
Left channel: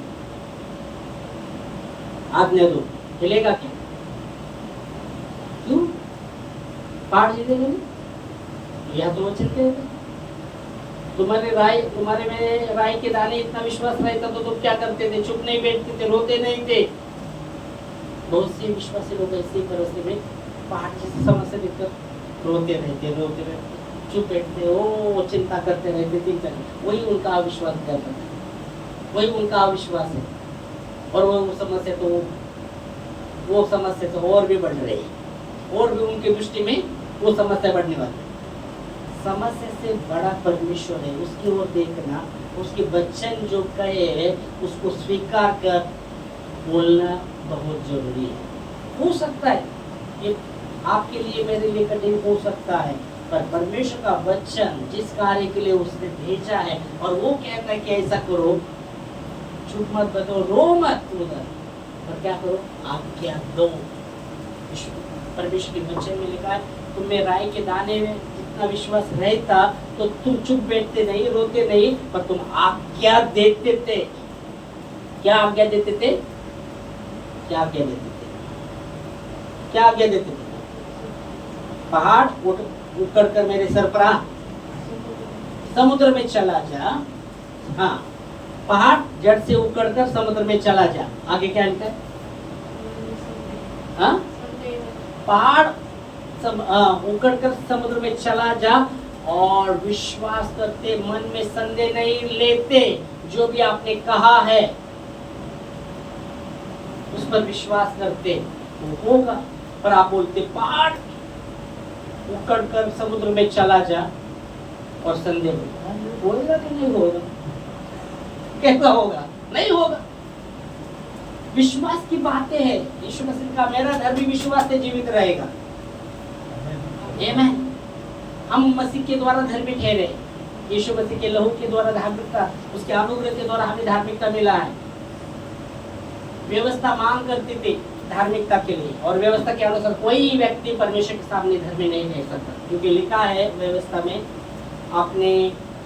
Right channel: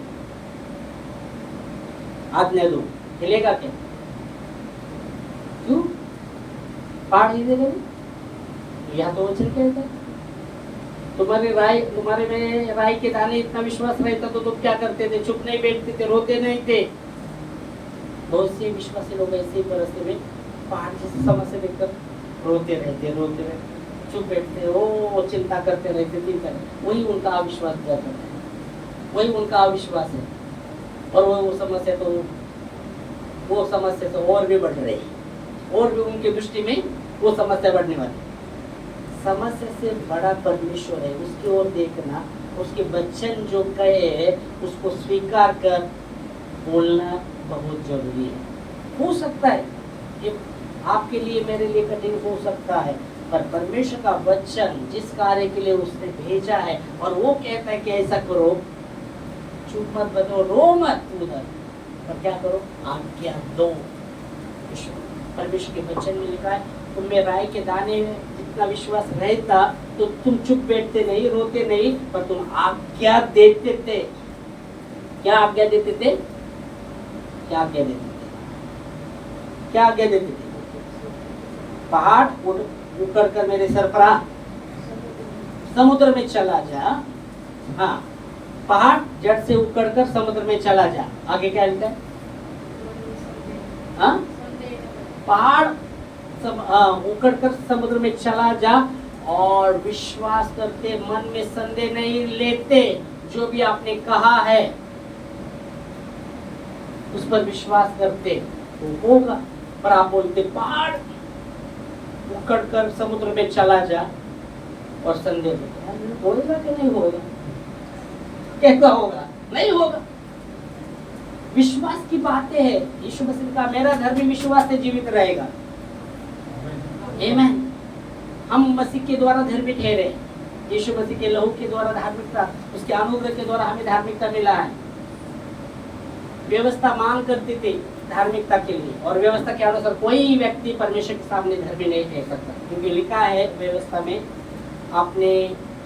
आज्ञा दो, हिलेगा क्या? क्यों? पहाड़ हिलेगा नहीं? या तो वो चल जाएगा। तुम्हारे में राई के दाने इतना विश्वास रहता तो तुम क्या करते थे? चुप नहीं बैठते थे, रोते नहीं थे। बहुत से विश्वासी लोग ऐसी परिस्थिति में पहाड़ जैसी समस्या देखकर रोते रहते, चुप बैठते, वो चिंता करते रहते, वही उनका अविश्वास करता है, वही उनका अविश्वास है। और वो समस्या तो और भी बढ़ रही है, और भी उनकी दृष्टि में वो समस्या बढ़ने वाली है। समस्या से बड़ा परमेश्वर है, उसकी ओर देखना, उसके वचन जो कहे उसको स्वीकार कर बोलना बहुत जरूरी है। हो सकता है ये आपके लिए, मेरे लिए कठिन हो सकता है, पर परमेश्वर का वचन जिस कार्य के लिए उसने भेजा है और वो कहता है कि ऐसा करो, चुप मत बतो, रो मत उधर, पर क्या करो, आज्ञा दो। परमेश्वर के वचन में लिखा है, तुम में राई के दाने में जितना विश्वास रहता तो तुम चुप बैठते नहीं, रोते नहीं, पर तुम आज्ञा देते थे। क्या आज्ञा देते थे? क्या आज्ञा देते थे? क्या आज्ञा देते थे? पहाड़ उखड़ कर मेरे सर पर आ, समुद्र में चला जा। हाँ, पहाड़ जड़ से उखड़ कर समुद्र में चला जा। आगे क्या लिखा है? हाँ, पहाड़ उखड़ कर समुद्र में चला जा और विश्वास करते, मन में संदेह नहीं लेते, जो भी आपने कहा है उस पर विश्वास करते तो होगा। पर आप बोलते पहाड़ उखड़ कर समुद्र में चला जा और संदेह होगा कि नहीं होगा? कैसा होगा? नहीं होगा। विश्वास की बातें है। यीशु मसीह का मेरा धर्मी विश्वास से जीवित रहेगा। आमीन। हम मसीह के द्वारा धर्मी ठहरे। यीशु मसीह के लहू के द्वारा धार्मिकता, उसके अनुग्रह के द्वारा हमें धार्मिकता मिला है। व्यवस्था मांग करती थी धार्मिकता के लिए, और व्यवस्था के अनुसार कोई व्यक्ति परमेश्वर के सामने धर्मी नहीं रह सकता, क्योंकि लिखा है व्यवस्था में, आपने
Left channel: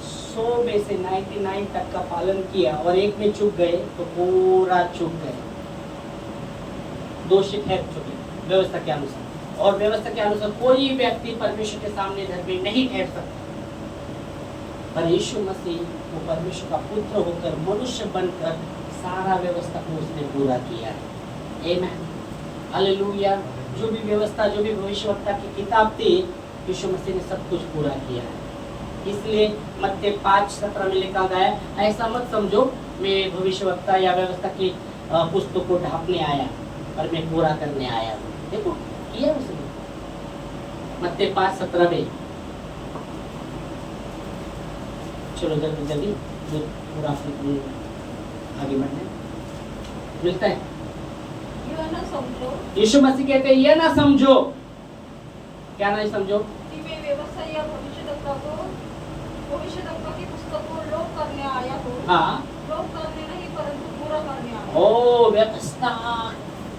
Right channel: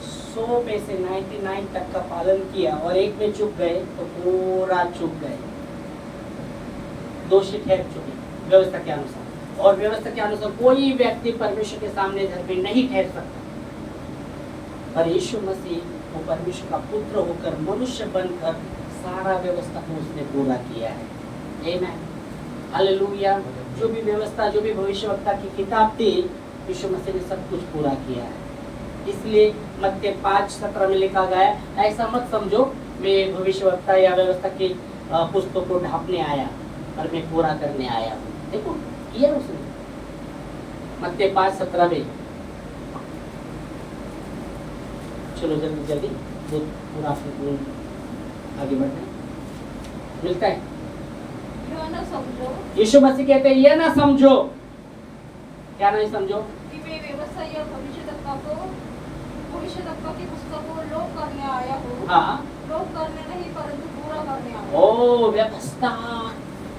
100 में से 99 तक का पालन किया और एक में चूक गए तो पूरा चूक गए, दोषी ठहर चुके व्यवस्था के अनुसार। और व्यवस्था के अनुसार कोई व्यक्ति परमेश्वर के सामने धर्मी नहीं ठहर सकता। पर यीशु मसीह वो परमेश्वर का पुत्र होकर मनुष्य बनकर सारा व्यवस्था को उसने पूरा किया है। आमीन, हालेलुया। जो भी व्यवस्था, जो भी भविष्यवक्ता की किताब थी, यीशु मसीह ने सब कुछ पूरा किया है। इसलिए मत्ती 5:17 में लिखा गया, ऐसा मत समझो मैं भविष्यवक्ता या व्यवस्था की पुस्तक को ढांपने आया, पर मैं पूरा करने आया हूँ। देखो किया उसने, मत्ती 5:17 में। चलो जल्दी जल्दी पूरा आगे बढ़ना है, मिलता है। यह न समझो, यीशु मसीह कहते हैं ये ना समझो। क्या नहीं समझो? कि मैं व्यवस्था या भविष्यद्वक्ता की पुस्तक को लोप करने आया हूँ। हाँ, लोप करने नहीं परंतु पूरा करने आया हूँ। ओ व्यवस्था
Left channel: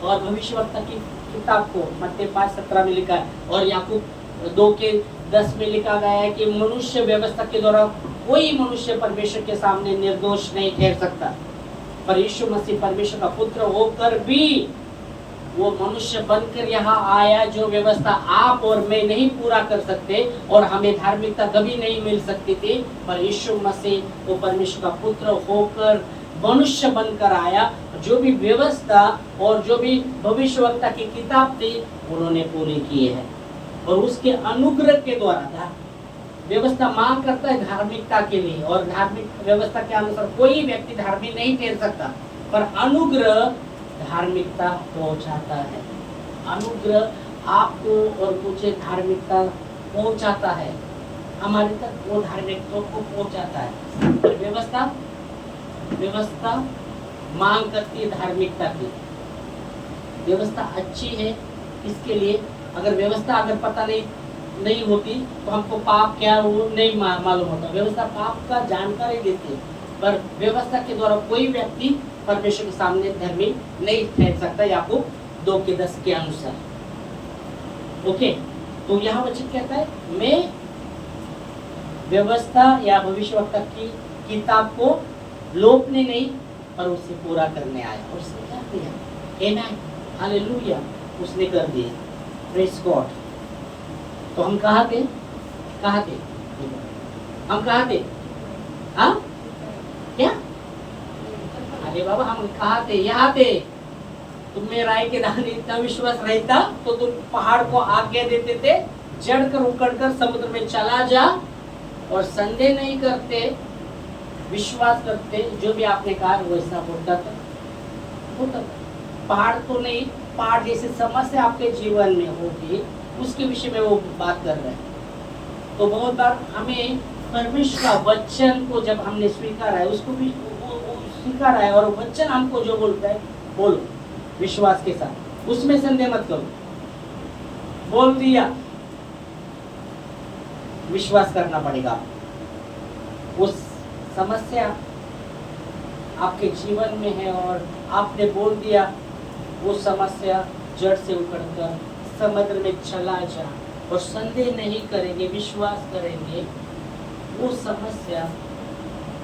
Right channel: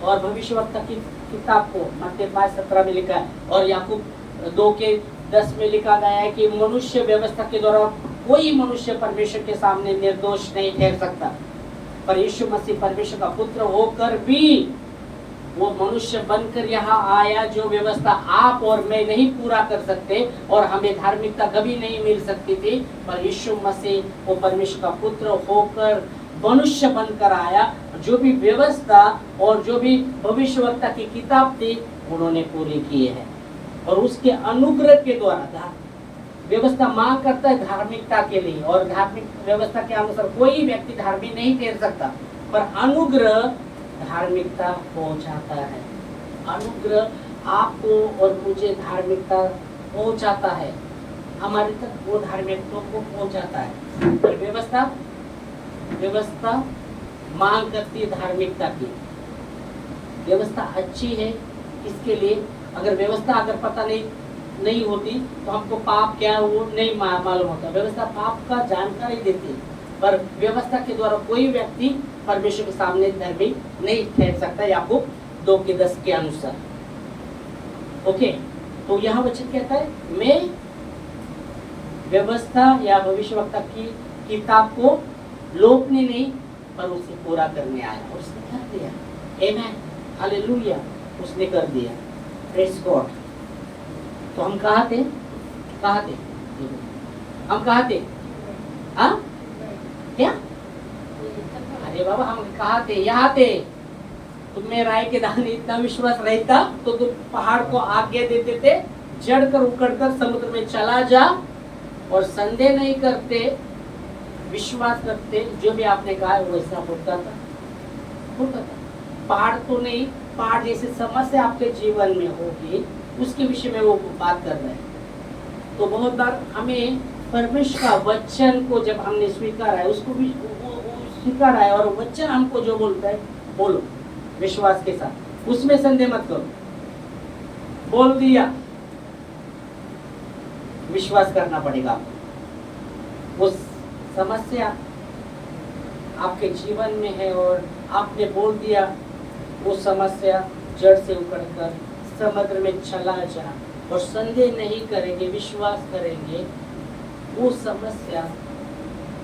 और भविष्यवक्ता की किताब को मत्ती 5:17 में लिखा है, और याकूब 2:10 में लिखा गया है कि मनुष्य व्यवस्था के द्वारा कोई मनुष्य परमेश्वर के सामने निर्दोष नहीं ठहर सकता। पर यीशु मसीह परमेश्वर का पुत्र होकर भी वो मनुष्य बनकर यहाँ आया, जो व्यवस्था आप और मैं नहीं पूरा कर सकते और हमें धार्मिकता कभी नहीं मिल सकती थी, पर यीशु मसीह वो परमेश्वर का पुत्र होकर मनुष्य बनकर आया। जो भी व्यवस्था और जो भी भविष्यवक्ता की किताब थी उन्होंने पूरी की है, और उसके अनुग्रह के द्वारा व्यवस्था मांग करता है धार्मिकता के लिए, और धार्मिक व्यवस्था के अनुसार कोई व्यक्ति धार्मिक नहीं ठहर सकता, पर अनुग्रह धार्मिकता पहुंचाता है। अनुग्रह आपको और मुझे धार्मिकता पहुंचाता है, हमारे तक वो धार्मिकता को पहुंचाता है। पर व्यवस्था मांग करती है धार्मिकता की। व्यवस्था अच्छी है इसके लिए, अगर व्यवस्था अगर पता नहीं होती तो हमको पाप क्या वो नहीं मालूम होता। व्यवस्था पाप का जानकारी देती है, पर व्यवस्था के द्वारा कोई व्यक्ति परमेश्वर के सामने धर्मी नहीं ठहर सकता, याकूब 2:10 के अनुसार। ओके, तो यहाँ वचन कहता है मैं व्यवस्था या भविष्यवक्ता की किताब को लोपने नहीं पर उसे पूरा करने आया, उसने कर दिया। आमीन, हालेलुया, उसने कर दिया। Praise God. तो हम कहाँ थे? हम कहाँ थे? हाँ क्या? अरे बाबा हम कहाँ थे? यहाँ थे। तुम्हें राय के दाने इतना विश्वास रहता तो तुम पहाड़ को आज्ञा देते थे, जड़ कर उकड़ कर समुद्र में चला जा, और संदेह नहीं करते, विश्वास करते, जो भी आपने कहा है वैसा होता था। पहाड़ तो नहीं, पहाड़ जैसी समस्या आपके जीवन में होगी उसके विषय में वो बात कर रहे हैं। तो बहुत बार हमें परमेश्वर का वचन को जब हमने स्वीकारा है, उसको भी स्वीकारा है, और वचन हमको जो बोलता है बोलो विश्वास के साथ, उसमें संदेह मत करो। बोल दिया, विश्वास करना पड़ेगा। वो समस्या आपके जीवन में है और आपने बोल दिया वो समस्या जड़ से उखड़कर समुद्र में चला जा, और संदेह नहीं करेंगे, विश्वास करेंगे, वो समस्या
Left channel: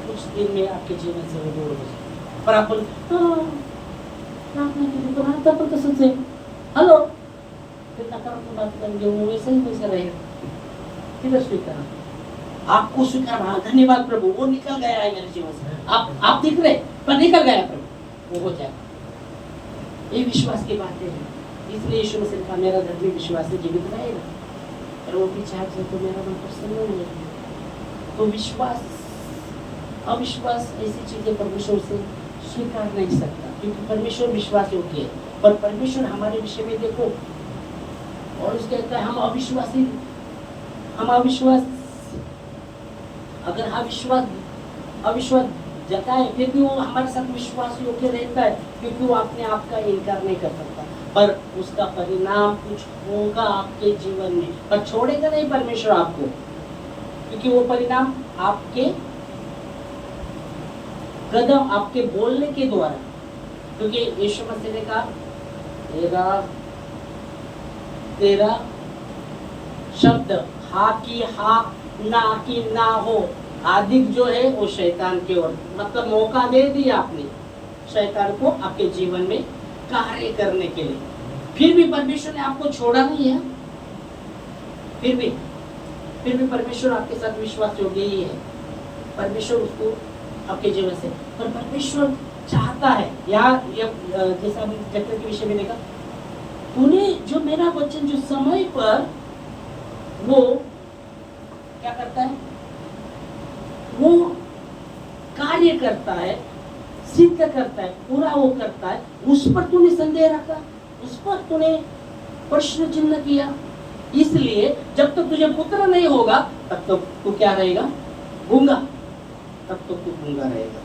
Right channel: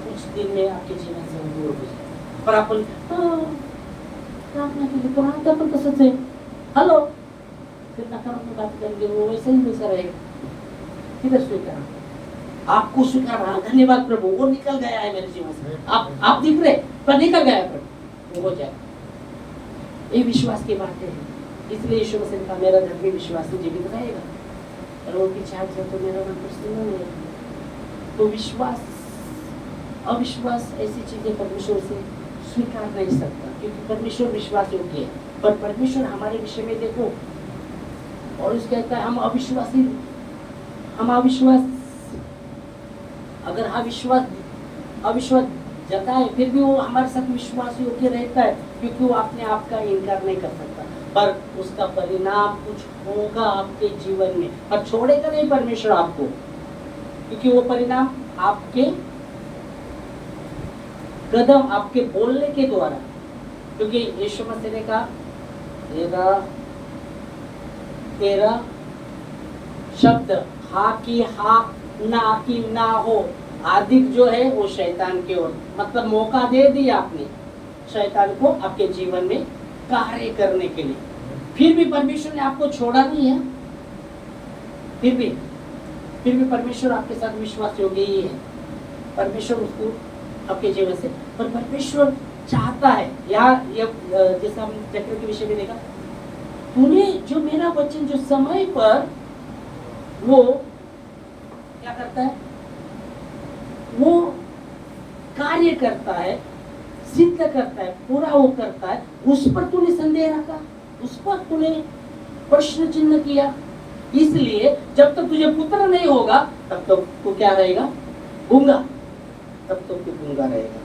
कुछ दिन में आपके जीवन से वो दूर हो जाए। पर आपण प्रार्थना केली तर आता पण तसंच आहे, हॅलो ते नकारात्मक बात करेंगे, वो वैसे ही वैसा रहेगा। किधर स्वीकार, आपको स्वीकार रहा, धन्यवाद प्रभु, वो निकल गया है मेरे जीवन से, आप दिख रहे पर निकल गया प्रभु, वो हो जाएगा। ये विश्वास की बातें हैं। इसलिए यीशु मसीह ने कहा मेरा धर्मी विश्वासी जीवित रहेगा, और वो भी चाहते तो मेरा मन प्रसन्न होगा। तो विश्वास अविश्वास ऐसी चीजें परमेश्वर से स्वीकार नहीं सकता, क्योंकि परमेश्वर विश्वास योग्य है। पर परमेश्वर हमारे विषय में देखो, और उसके कहता है हम अविश्वासी, हम अविश्वास, अगर अविश्वास जताए फिर भी वो हमारे साथ विश्वास योग्य रहता है, क्योंकि वो अपने आप का इनकार नहीं कर सकता। पर उसका परिणाम कुछ होगा आपके जीवन में, पर छोड़ेगा नहीं परमेश्वर आपको, क्योंकि वो परिणाम आपके कदम, आपके बोलने के द्वारा, क्योंकि यीशु मसीह ने कहा तेरा शब्द हाँ की हाँ, ना की ना हो, अधिक जो है वो शैतान की ओर, मतलब मौका दे दिया आपने शैतान को आपके जीवन में कार्य करने के लिए। फिर भी परमेश्वर ने आपको छोड़ा नहीं है, फिर भी परमेश्वर आपके साथ विश्वास योग्य ही है। परमेश्वर उसको आपके जीवन से, पर परमेश्वर चाहता है, यहाँ जैसा हम चैप्टर के विषय में देखा, तूने जो मेरा वचन जो समय पर वो क्या करता है, वो कार्य करता है, सिद्ध करता है, पूरा वो करता है, उस पर तूने संदेह रखा, उस पर तूने प्रश्न चिन्ह किया। इसलिए जब तक तुझे पुत्र नहीं होगा तब तक तू क्या रहेगा, गूंगा, तब तक तू गूंगा रहेगा।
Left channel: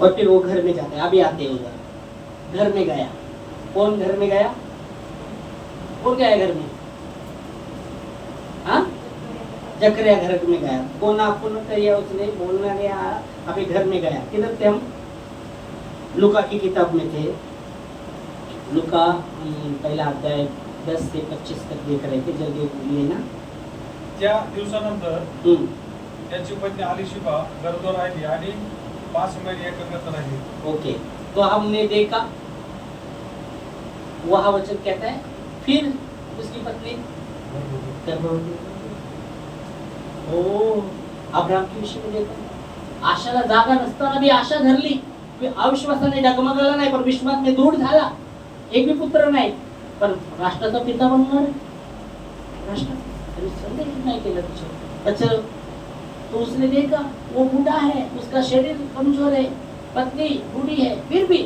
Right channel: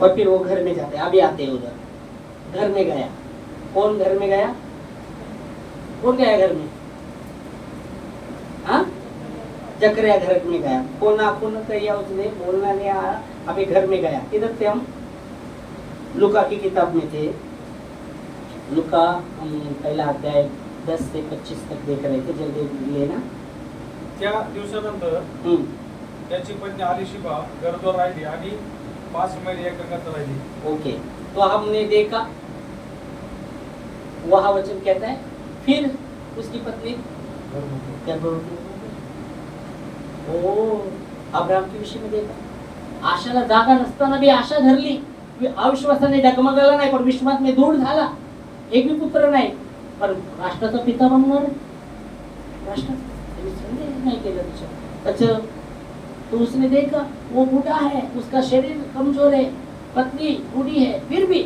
और फिर वो घर में जाते, अभी आते हैं उधर, घर में गया, कौन घर में गया, कौन गया घर में, हाँ जकरिया घर में गया, कौन आपको न कहिया, उसने बोलना नहीं आया, अभी घर में गया। किधर थे हम, लुका की किताब में थे, लुका पहला अध्याय 10 से 25 तक देख रहे थे, जल्दी लेना। त्या दिवसानंतर त्याची पत्नी अलिशिबा गरोदर राहिली आणि 5 महिने एकांगात राहिली। ओके, तो हमने देखा वह वचन कहता है, फिर उसकी पत्नी गर्भवती। ओ अब्राहम के विषय में देखा, आशाला जागा नसताना भी आशा धरली, अविश्वासाने डगमगला नाही, पण विश्वास में दृढ झाला, एक भी पुत्र नाही, पण राष्ट्राचा पिता बनणार, राष्ट्र संदेह नहीं केला त्याच्यावर। अच्छा, तो उसने देखा वो बूढ़ा है, उसका शरीर कमजोर है, पत्नी बूढ़ी है, फिर भी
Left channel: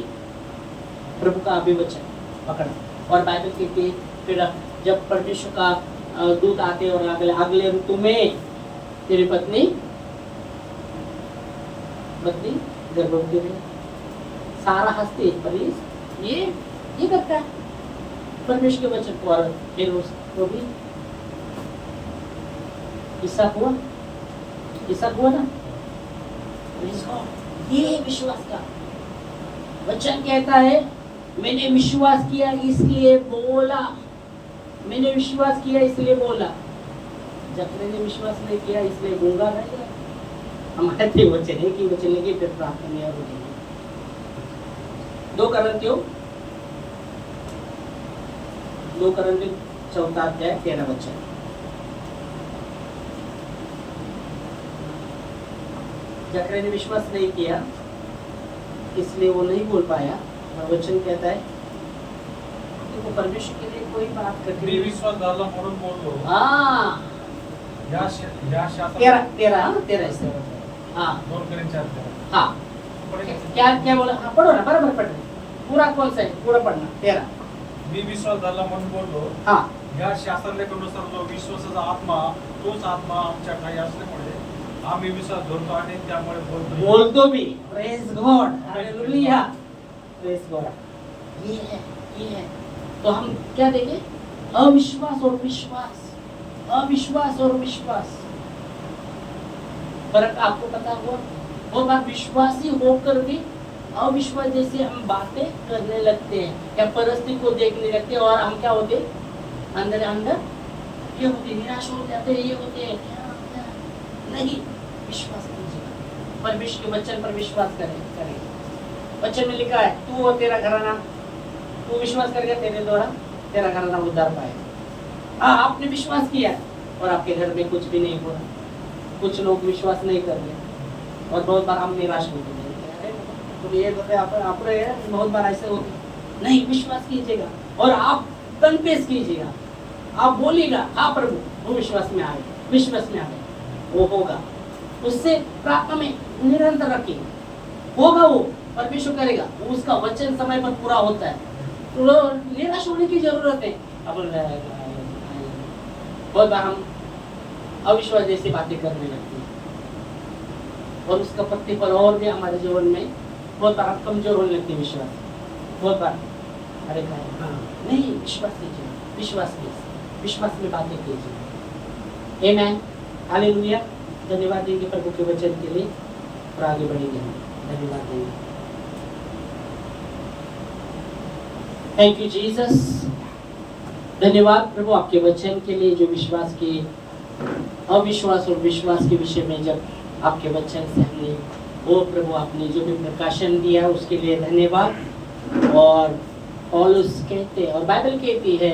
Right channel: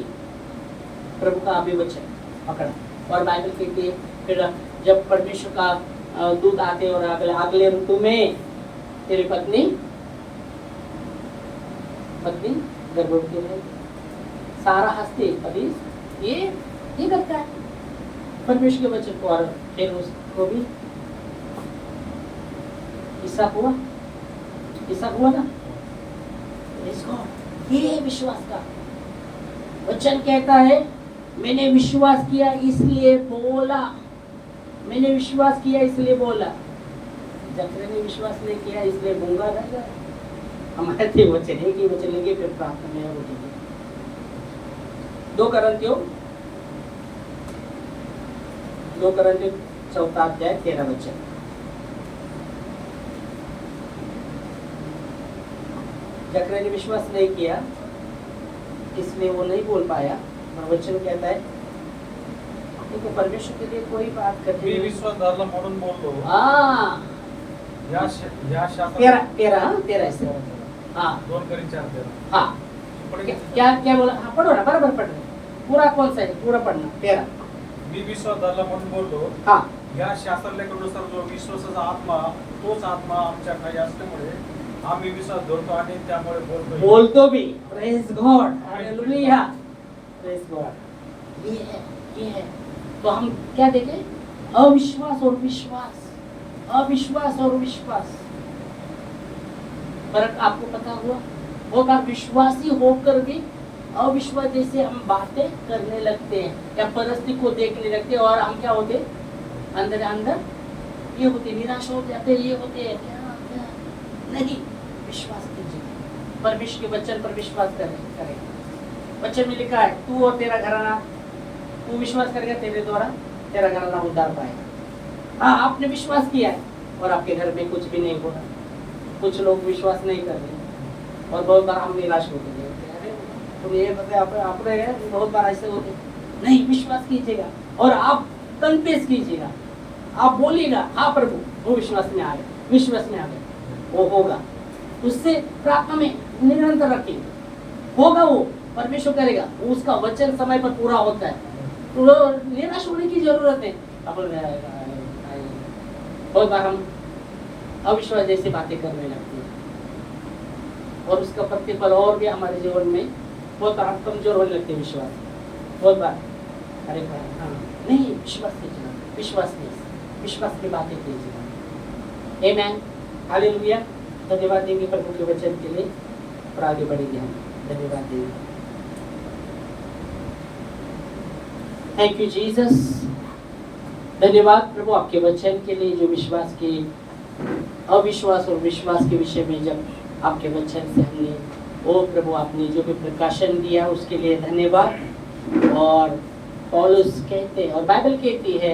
प्रभु का अभिवचन पकड़ा। और बाइबल कहती है फिर जब परमेश्वर का दूत आते और अगले ऋतु में तेरी पत्नी गर्भवती रहे, सारा हंसते, पर ये करता है परमेश्वर के वचन को, और फिर उसको भी इसहाक हुआ ना। ये विश्वास का वचन कहता है, मैंने विश्वास किया इसलिए बोला, मैंने विश्वास किया इसलिए बोला। जकरिया ने विश्वास नहीं किया इसलिए गूंगा रहेगा। हमारे थे वचन, एक ही वचन लेंगे, फिर प्रार्थना में और उठेंगे। 2 Korinथियों 4 अध्याय 13 वचन। जकरिया ने विश्वास नहीं किया इसलिए वो नहीं बोल पाया, और वचन कहता है तो परमेश्वर के लिए कोई बात कठिन मी विश्वास झाला म्हणून बोललो। हाँ, या शास्त्र 13 से, हाँ 2 Korinथियों 4। हाँ, क्या बोला, हाँ पढ़ो ना, बराबर पढ़ रहे, पूरा कौन सा है, पूरा पढ़ना। 13 मी विश्वास झाला म्हणून बोललो। हाँ, या शास्त्रानुसार जो विश्वासाचा आत्मा, तोच आत्मा आमच्या ठाई असल्यामुळे आम्ही विश्वास धरतो आणि त्यामुळे बोलतो भी। Praise God, hallelujah, praise God. ये है। तो हम क्या देखें, अविश्वास और विश्वास, अविश्वास और विश्वास, फर्क आपको पता हुआ? बहुत बार विश्वासी होकर भी अविश्वास जैसे हम बातें करने लगते हैं या परिस्थिति को देखने लगते हैं और हम क्या होते अंदर अंदर ये होते निराश हो जाते, ये होते हैं क्या नहीं। विश्वास कीजिए, परमेश्वर के वचन पर विश्वास करें। वचन में लिखा है तू और तेरा घराना, तू विश्वास करेगा तेरे द्वारा तेरा घराना उद्धार पाएगा। हाँ, आपने विश्वास किया है और आपके घर में कुछ भी नहीं हुआ। कुछ लोग विश्वास नहीं कर रहे और बहुत बार हम निराश होते हैं, तो ये बताए आपने बहुत बार ऐसे होते नहीं। विश्वास कीजिएगा और आप कन्फेस कीजिएगा, आप बोलिएगा हाँ प्रभु, वो विश्वास में आए, विश्वास में आ गए, वो होगा। उससे प्रार्थना में निरंतर रखिए, होगा वो, परमेश्वर करेगा, उसका वचन समय पर पूरा होता है। तो निराश होने की जरूरत है। अब बहुत बार हम अविश्वास जैसी बातें करने लगते हैं और उसका प्रतिफल और भी हमारे जीवन में बहुत बार हम कमजोर होने लगते हैं। विश्वास बहुत बार अरे हाँ नहीं, विश्वास कीजिए, विश्वास में बातें कीजिए। आमेन, हालेलुया। धन्यवाद देंगे प्रभु के वचन के लिए और आगे बढ़ेंगे हम। धन्यवाद देंगे। Thank you Jesus. धन्यवाद प्रभु आपके वचन के लिए, जो विश्वास के अविश्वास और विश्वास के विषय में जब आपके वचन से हमने ओ प्रभु आपने जो भी प्रकाशन दिया उसके लिए धन्यवाद। और पौलुस कहते और बाइबल कहती है